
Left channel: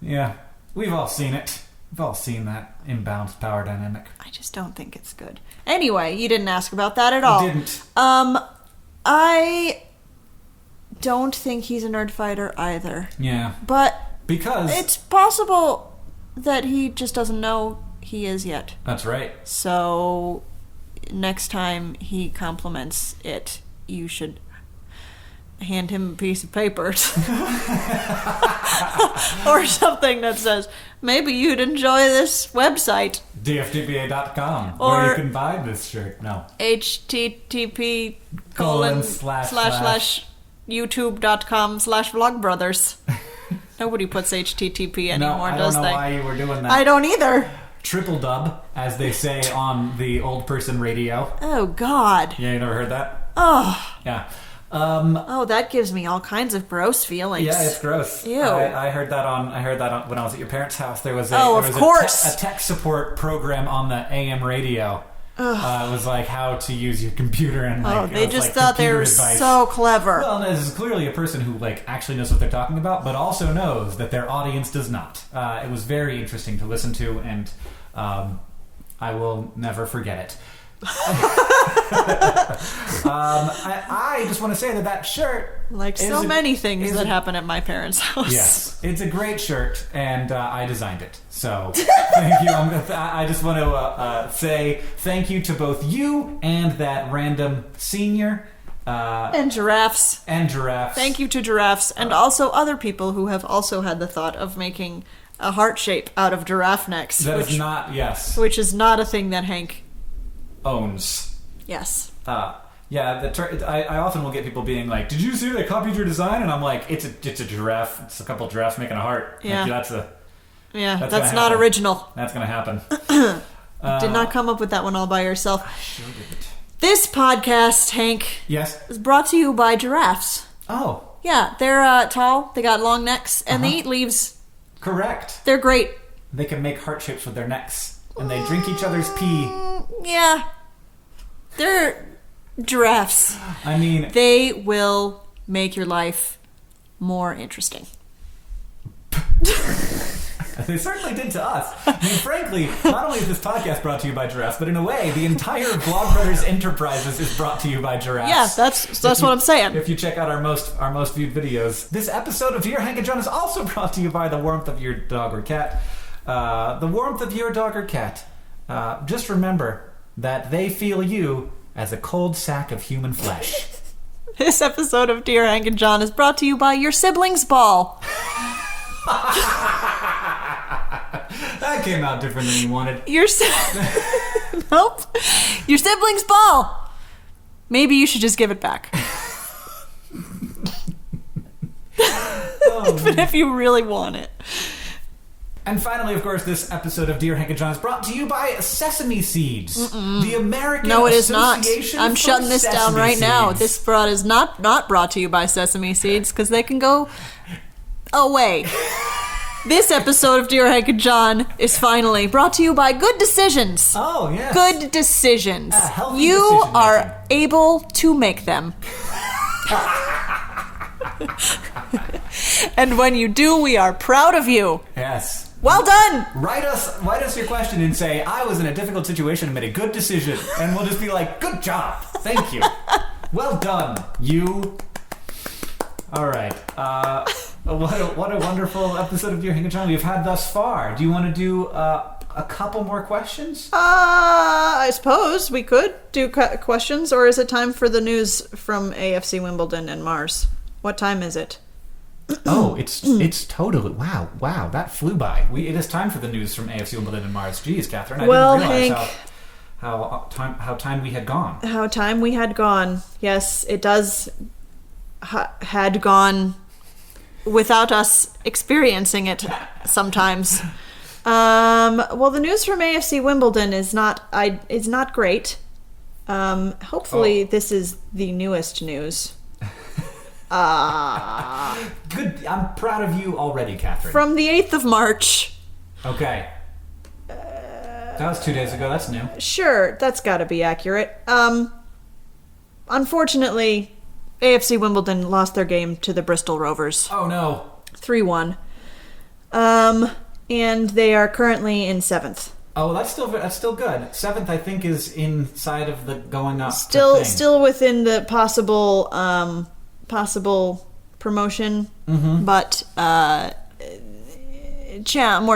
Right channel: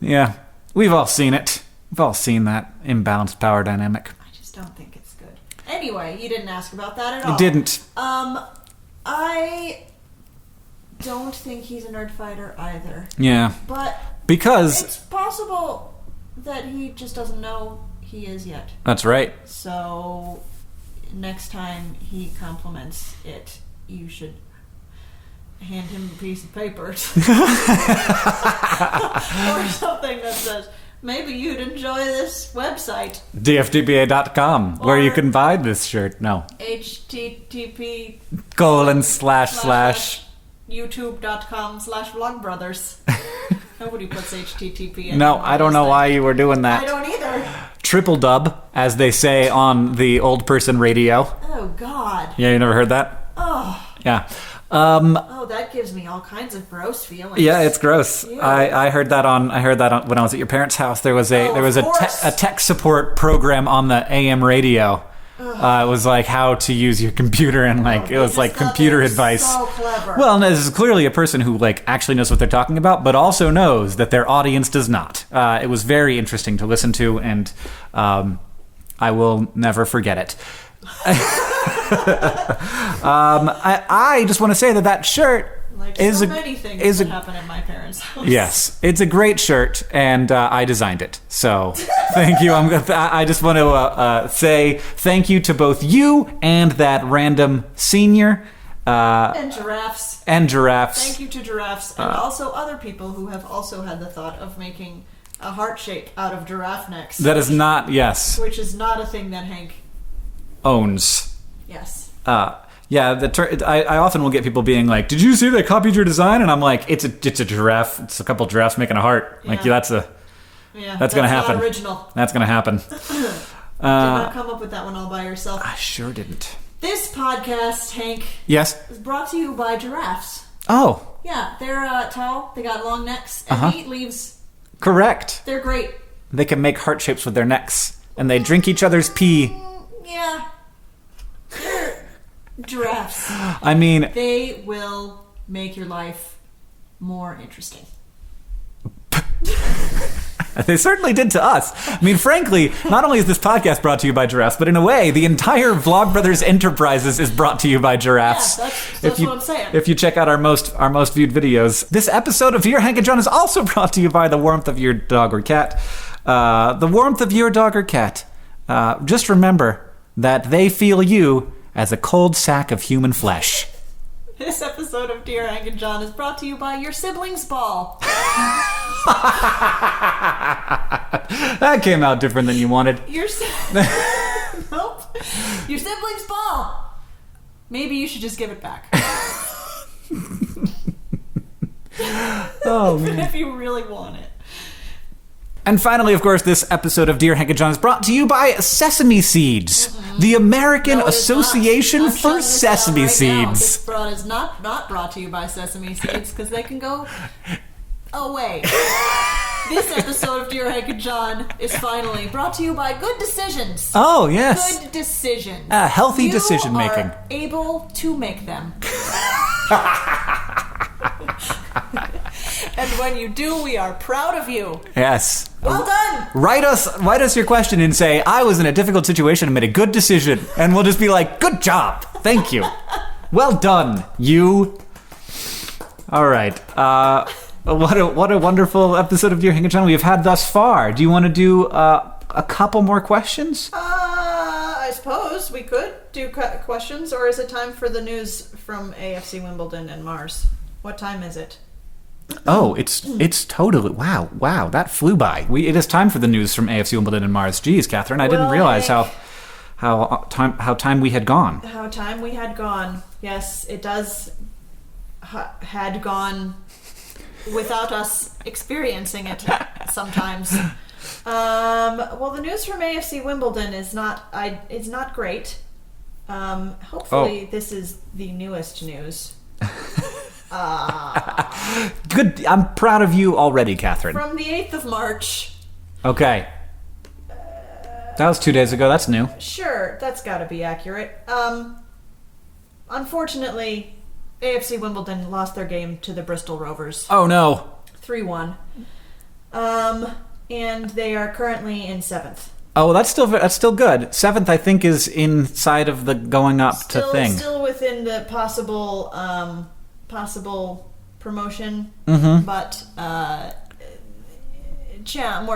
Yeah. We've all seen it. We've all seen that imbalanced power dynamic. I just don't think it's good. Anyway, you didn't ask about that at all. I didn't. I don't think he's a Nerdfighter either. Yeah. But... Because... It's possible that he just doesn't know he is yet. That's right. So, next time he compliments it, you should... hand him a piece of paper. Or something that says, maybe you'd enjoy this website. DFTBA.com, where you can buy this shirt. No. http / youtube.com/vlogbrothers. Nobody puts HTTP anymore. No, I don't know why you were doing that. I don't either. Triple dub, as they say on the old person radio. Oh, God. Yeah, you never heard that? Oh. Yeah. That gives me all kinds of gross feelings. Yeah, it's gross. Ew. I heard that on when I was at your parents' house. There was a tech support program on the AM radio. It was like how to use your computer and it was like computer advice. So clever. Well, this is clearly a person who actually knows what they're talking about, but also knows that their audience does not. It was very interesting to listen to, and I will never forget it. I just want to say that shirt, like so many things that happen at my parents' house. Yes, it's a great shirt, and I designed it. So thank you. I just want to say thank you to both you and that random senior. And giraffes. Thank you to giraffes, and also other people who have also had the thought of making a heart shape out of giraffe necks. Which is not a thing that Hank owns. Yes. I often will get people being like, "Did you see they copied your design?" And I'm like, "It's a giraffe. It's a couple giraffes making a heart. Yeah. That's gonna happen. Not original. That's gonna happen." Did not come up with that one all by yourself. I sure didn't. This podcast, Hank, yes, is brought to you by giraffes. Oh, yeah, they're tall. They got long necks, and they eat leaves. Correct. They're great. They can make heart shapes with their necks, and they drink each other's pee. Yeah. They're giraffes. I mean... They will make your life more interesting. They certainly did to us. I mean, frankly, not only is this podcast brought to you by giraffes, but in a way, the entire Vlogbrothers Enterprises is brought to you by giraffes. Yeah, that's what I'm saying. If you check out our most viewed videos, this episode of Dear Hank and John is also brought to you by the warmth of your dog or cat. The warmth of your dog or cat. Just remember that they feel you as a cold sack of human flesh. This episode of Dear Hank and John is brought to you by your siblings' ball. That came out different than you wanted. Nope. Your siblings' ball. Maybe you should just give it back. Oh, but if you really want it. And finally, of course, this episode of Dear Hank and John is brought to you by Sesame Seeds, the American Association I'm for shutting this Sesame down right Seeds. now. This broad is not brought to you by Sesame Seeds because they can go away. This episode of Dear Hank and John is finally brought to you by Good Decisions. Oh, yes. Good decisions. Healthy decision-making. You are able to make them. And when you do, we are proud of you. Yes. Well done! Write us your question and say, I was in a difficult situation and made a good decision. And we'll just be like, good job. Thank you. Well done, you. All right. What a wonderful episode of Dear Hank and John we have had thus far. Do you want to do a couple more questions? I suppose we could do questions, or is it time for the news from AFC Wimbledon and Mars? What time is it? Oh, it's totally wow! That flew by. It is time for the news from AFC Wimbledon and Mars. Geez, Katherine, I didn't realize Hank, how time we had gone. How time we had gone. Yes, it does had gone without us experiencing it sometimes. Well, the news from AFC Wimbledon is not great. Hopefully this is the newest news. Good. I'm proud of you already, Katherine. From the 8th of March. Okay. That was 2 days ago. That's new. Sure, that's got to be accurate. Unfortunately, AFC Wimbledon lost their game to the Bristol Rovers. Oh no. 3-1. And they are currently in 7th. Oh, that's still good. 7th, I think, is inside of the going up to thing. Still within the possible promotion, but more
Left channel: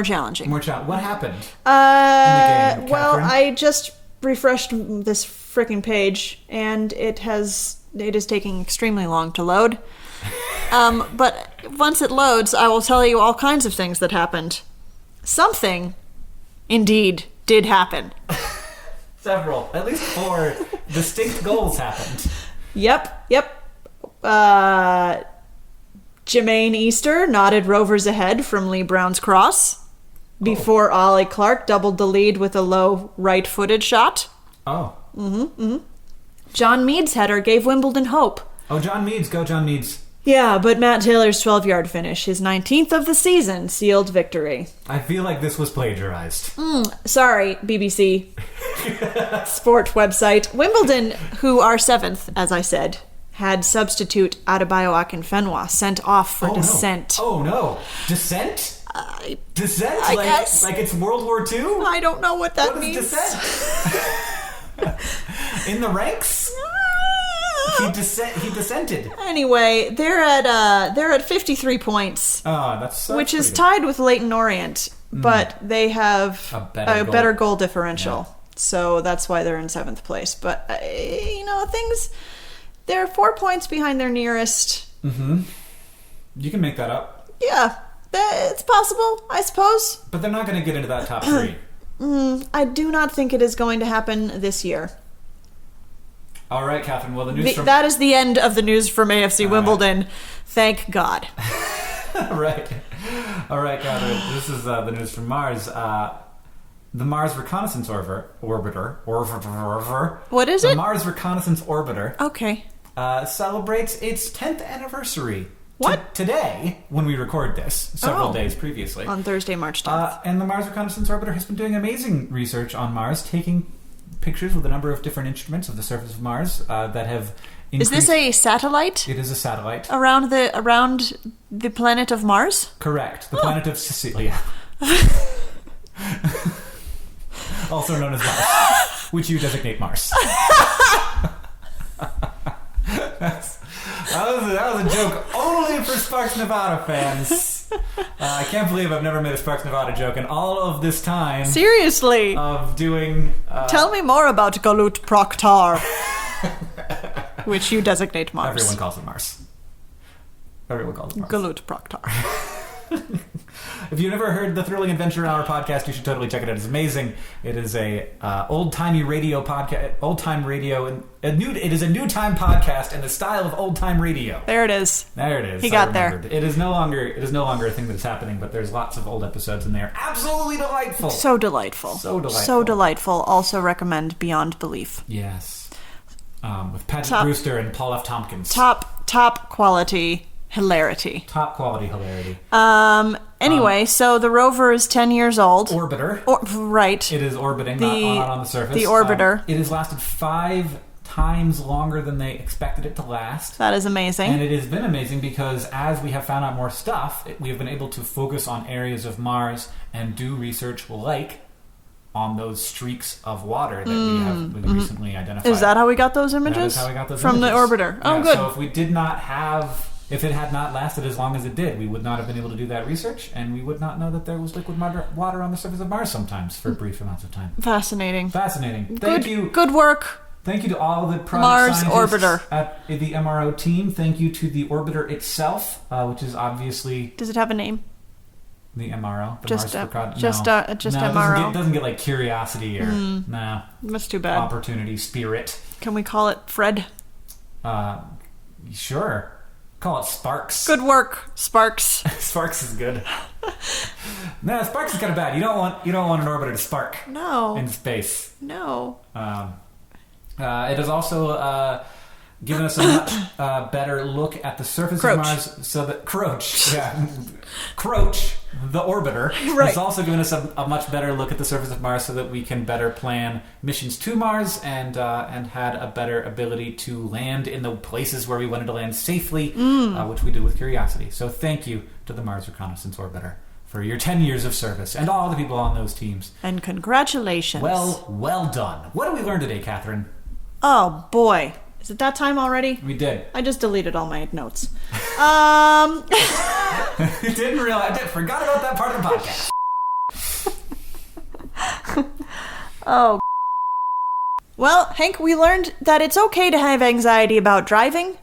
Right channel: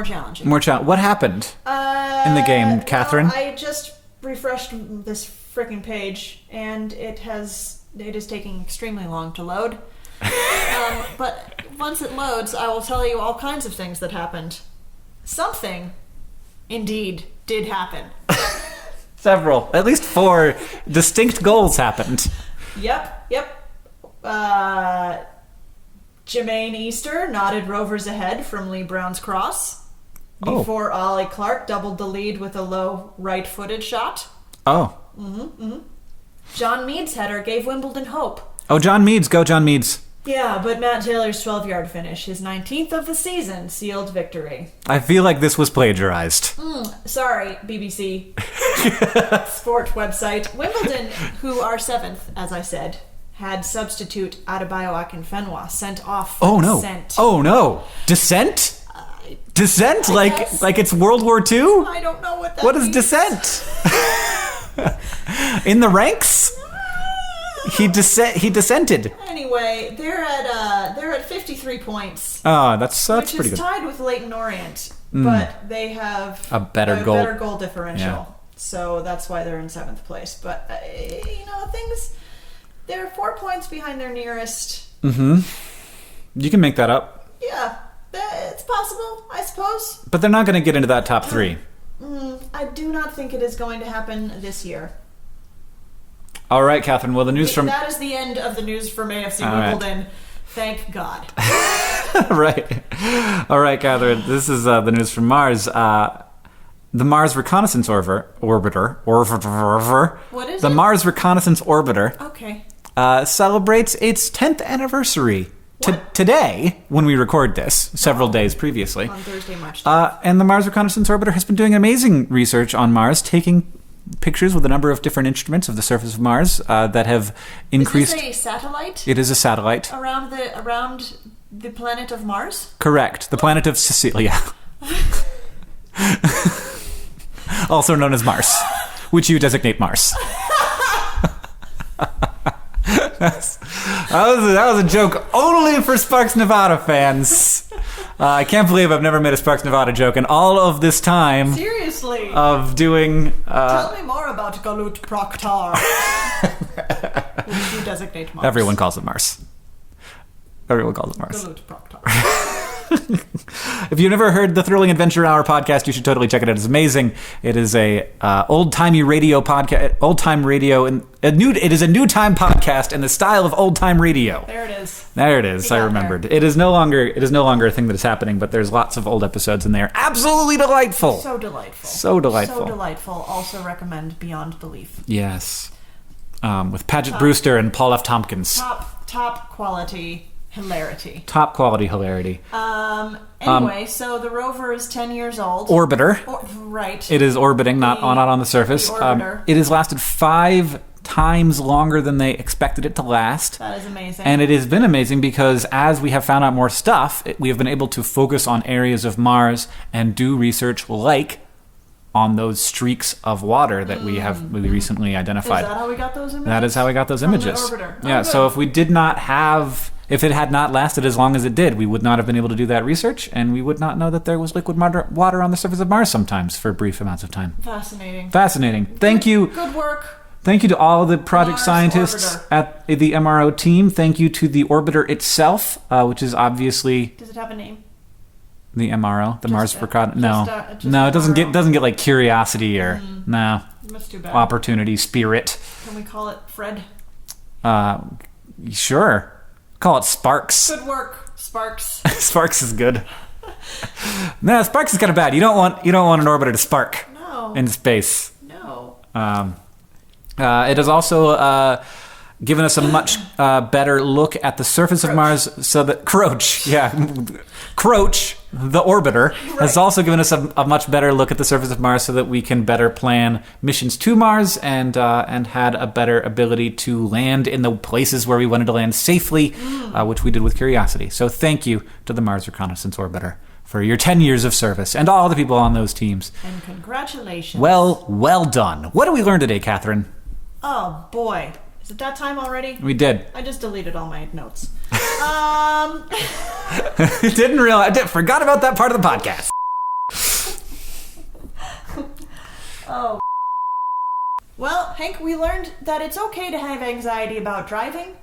challenging. What happened in the game, Katherine? Well, I just refreshed this frickin' page, and it is taking extremely long to load. But once it loads, I will tell you all kinds of things that happened. Something, indeed, did happen. Several, at least 4 distinct goals happened. Yep. Jermaine Easter nodded Rovers ahead from Lee Brown's cross before Ollie Clark doubled the lead with a low right-footed shot. Oh. John Mead's header gave Wimbledon hope. Oh, John Meads. Go, John Meads. Yeah, but Matt Taylor's 12-yard finish, his 19th of the season, sealed victory. I feel like this was plagiarized. Sorry, BBC sport website. Wimbledon, who are 7th, as I said, had substitute Adebayo Akinfenwa sent off for dissent. Oh no. Dissent? Dissent? I guess. Like it's World War II? I don't know what that means. What is dissent? In the ranks? He dissented. Anyway, they're at 53 points. Oh, that's which is tied with Leyton Orient, but they have a better goal differential. Yeah. So that's why they're in 7th place. But they're 4 points behind their nearest. You can make that up. Yeah, it's possible, I suppose. But they're not going to get into that top 3. I do not think it is going to happen this year. All right, Katherine. Well, that is the end of the news from AFC Wimbledon. Right. Thank God. Right. All right, Katherine. This is the news from Mars. The Mars Reconnaissance Orbiter. What is it? The Mars Reconnaissance Orbiter. Okay. Celebrates its 10th anniversary. Today, when we record this, several days previously. On Thursday, March 10th. And the Mars Reconnaissance Orbiter has been doing amazing research on Mars, taking pictures with a number of different instruments of the surface of Mars that have increased. Is this a satellite? It is a satellite. Around the planet of Mars? Correct. The planet of Sicilia. Also known as Mars, which you designate Mars. That was a joke only for Sparks Nevada fans. I can't believe I've never made a Sparks Nevada joke in all of this time. Seriously. Of doing... Tell me more about Galut Proctar, which you designate Mars. Everyone calls it Mars. Galut Proctar. If you've never heard the Thrilling Adventure Hour podcast, you should totally check it out. It's amazing. It is a old-timey radio podcast, old-time radio, and it is a new time podcast in the style of old-time radio. There it is. There it is. I remembered. There. It is no longer a thing that is happening, but there's lots of old episodes in there. Absolutely delightful. So delightful. So delightful. So delightful. Also recommend Beyond Belief. Yes. With Paget Brewster and Paul F. Tompkins. Top quality hilarity. Top quality hilarity. Anyway, so the rover is 10 years old. Orbiter. Right. It is orbiting, not on the surface. The orbiter. It has lasted 5 times longer than they expected it to last. That is amazing. And it has been amazing because as we have found out more stuff, we have been able to focus on areas of Mars and do research like on those streaks of water that we recently identified. Is that how we got those images? That is how we got those From images. From the orbiter. Oh, yeah, good. so if it had not lasted as long as it did, we would not have been able to do that research, and we would not know that there was liquid water on the surface of Mars sometimes for brief amounts of time. Fascinating. Thank you. Good work. Thank you to all the project Mars scientists orbiter. at the MRO team. Thank you to the orbiter itself, which is obviously... Does it have a name? The MRO, the Just Mars Reconnaissance. just no, it MRO. doesn't get like Curiosity or no. That's too bad. Opportunity, Spirit. Can we call it Fred? Sure. Call it Sparks. Good work, Sparks. Sparks is good. No, Sparks is kind of bad. You don't want an orbiter to spark. No. In space. No. It has also given us a much better look at the surface of Mars, so that Croach, the orbiter, has also given us a much better look at the surface of Mars, so that we can better plan missions to Mars and had a better ability to land in the places where we wanted to land safely, which we did with Curiosity. So thank you to the Mars Reconnaissance Orbiter for your 10 years of service and all the people on those teams. And congratulations. Well done. What did we learn today, Katherine? Oh, boy. Is it that time already? We did. I just deleted all my notes. Didn't realize. Forgot about that part of the podcast. Oh. Well, Hank, we learned that it's okay to have anxiety about driving,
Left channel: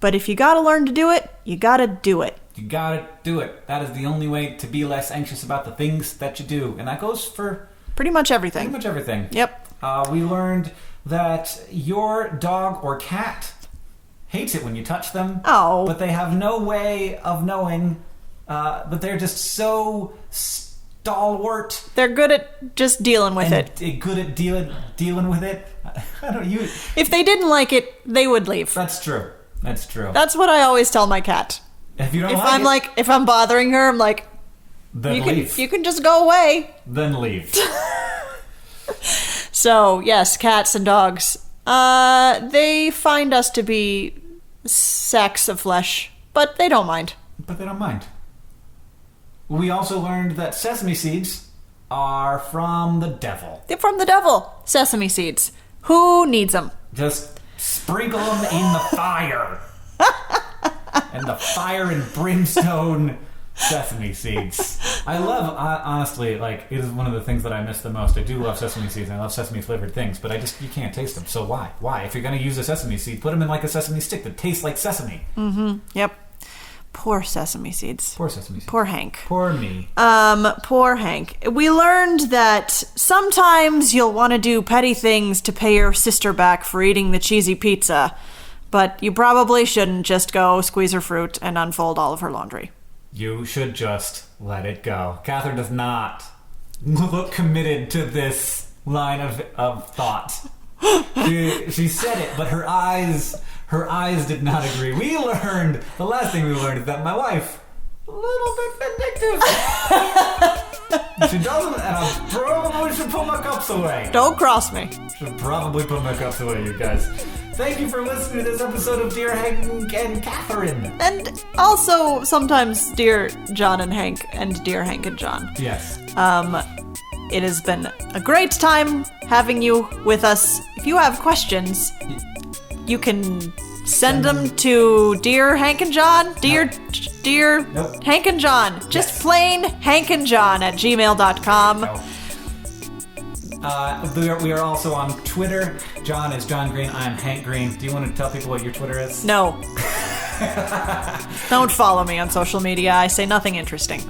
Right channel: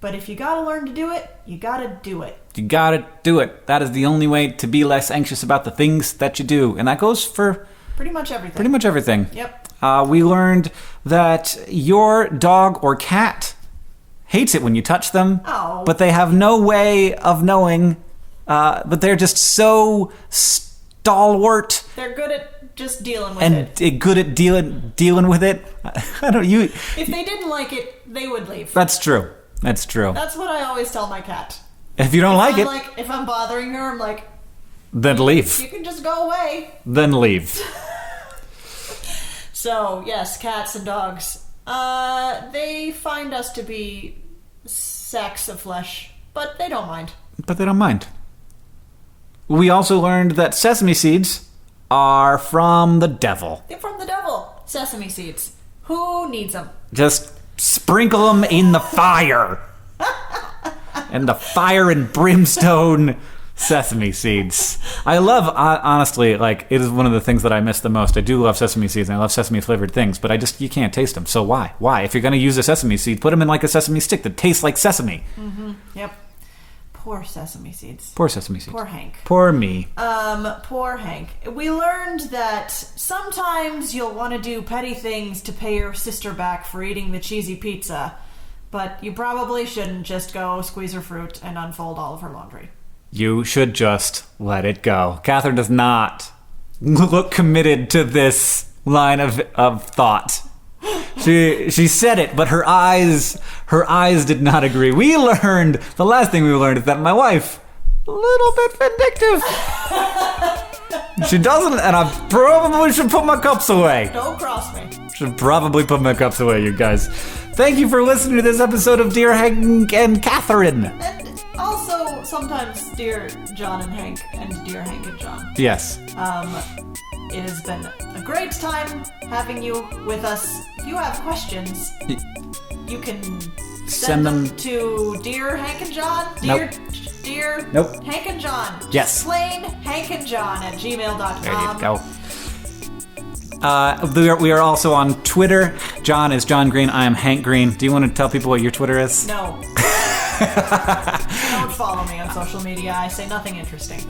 but if you gotta learn to do it, you gotta do it. You gotta do it. That is the only way to be less anxious about the things that you do. And that goes for... Pretty much everything. Pretty much everything. Yep. We learned that your dog or cat hates it when you touch them. Oh. But they have no way of knowing. But they're just so stalwart. They're good at just dealing with it. And good at dealing with it. If they didn't like it, they would leave. That's true. That's true. That's what I always tell my cat. If you don't like it. If I'm bothering her, I'm like... Then leave. You can just go away. Then leave. So, yes, cats and dogs. They find us to be sacks of flesh, but they don't mind. We also learned that sesame seeds are from the devil. They're from the devil. Sesame seeds. Who needs them? Just sprinkle them in the fire. And the fire and brimstone sesame seeds. I love, honestly, like, it is one of the things that I miss the most. I do love sesame seeds, and I love sesame flavored things, but you can't taste them. So why? If you're going to use a sesame seed, put them in like a sesame stick that tastes like sesame. Mm-hmm. Yep. Poor sesame seeds. Poor sesame seeds. Poor Hank. Poor me. Poor Hank. We learned that sometimes you'll want to do petty things to pay your sister back for eating the cheesy pizza, but you probably shouldn't just go squeeze her fruit and unfold all of her laundry. You should just let it go. Katherine does not look committed to this line of thought. She said it, but her eyes did not agree. The last thing we learned is that my wife, a little bit vindictive. She doesn't, and I probably should put my cups away. Don't cross me. Should probably put my cups away, you guys. Thank you for listening to this episode of Dear Hank and Katherine. And also sometimes Dear John and Hank and Dear Hank and John. Yes. It has been a great time having you with us. If you have questions, you can send them to Dear Hank and John. Dear Nope. Hank and John. Yes. Just plain Hank and John at gmail.com. There you go. We are also on Twitter. John is John Green. I am Hank Green. Do you want to tell people what your Twitter is? No. Don't follow me on social media. I say nothing interesting.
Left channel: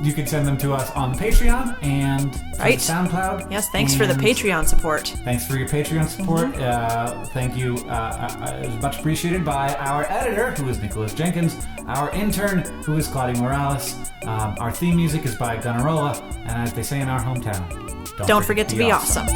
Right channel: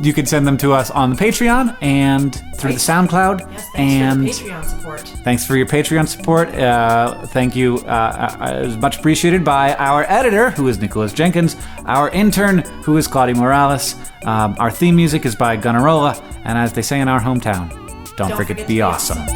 You can send them to us on the Patreon and through the SoundCloud. Yes, thanks for the Patreon support. Thanks for your Patreon support. Thank you. Much appreciated by our editor, who is Nicholas Jenkins, our intern, who is Claudia Morales. Our theme music is by Gunnarolla, and as they say in our hometown, don't forget to be awesome.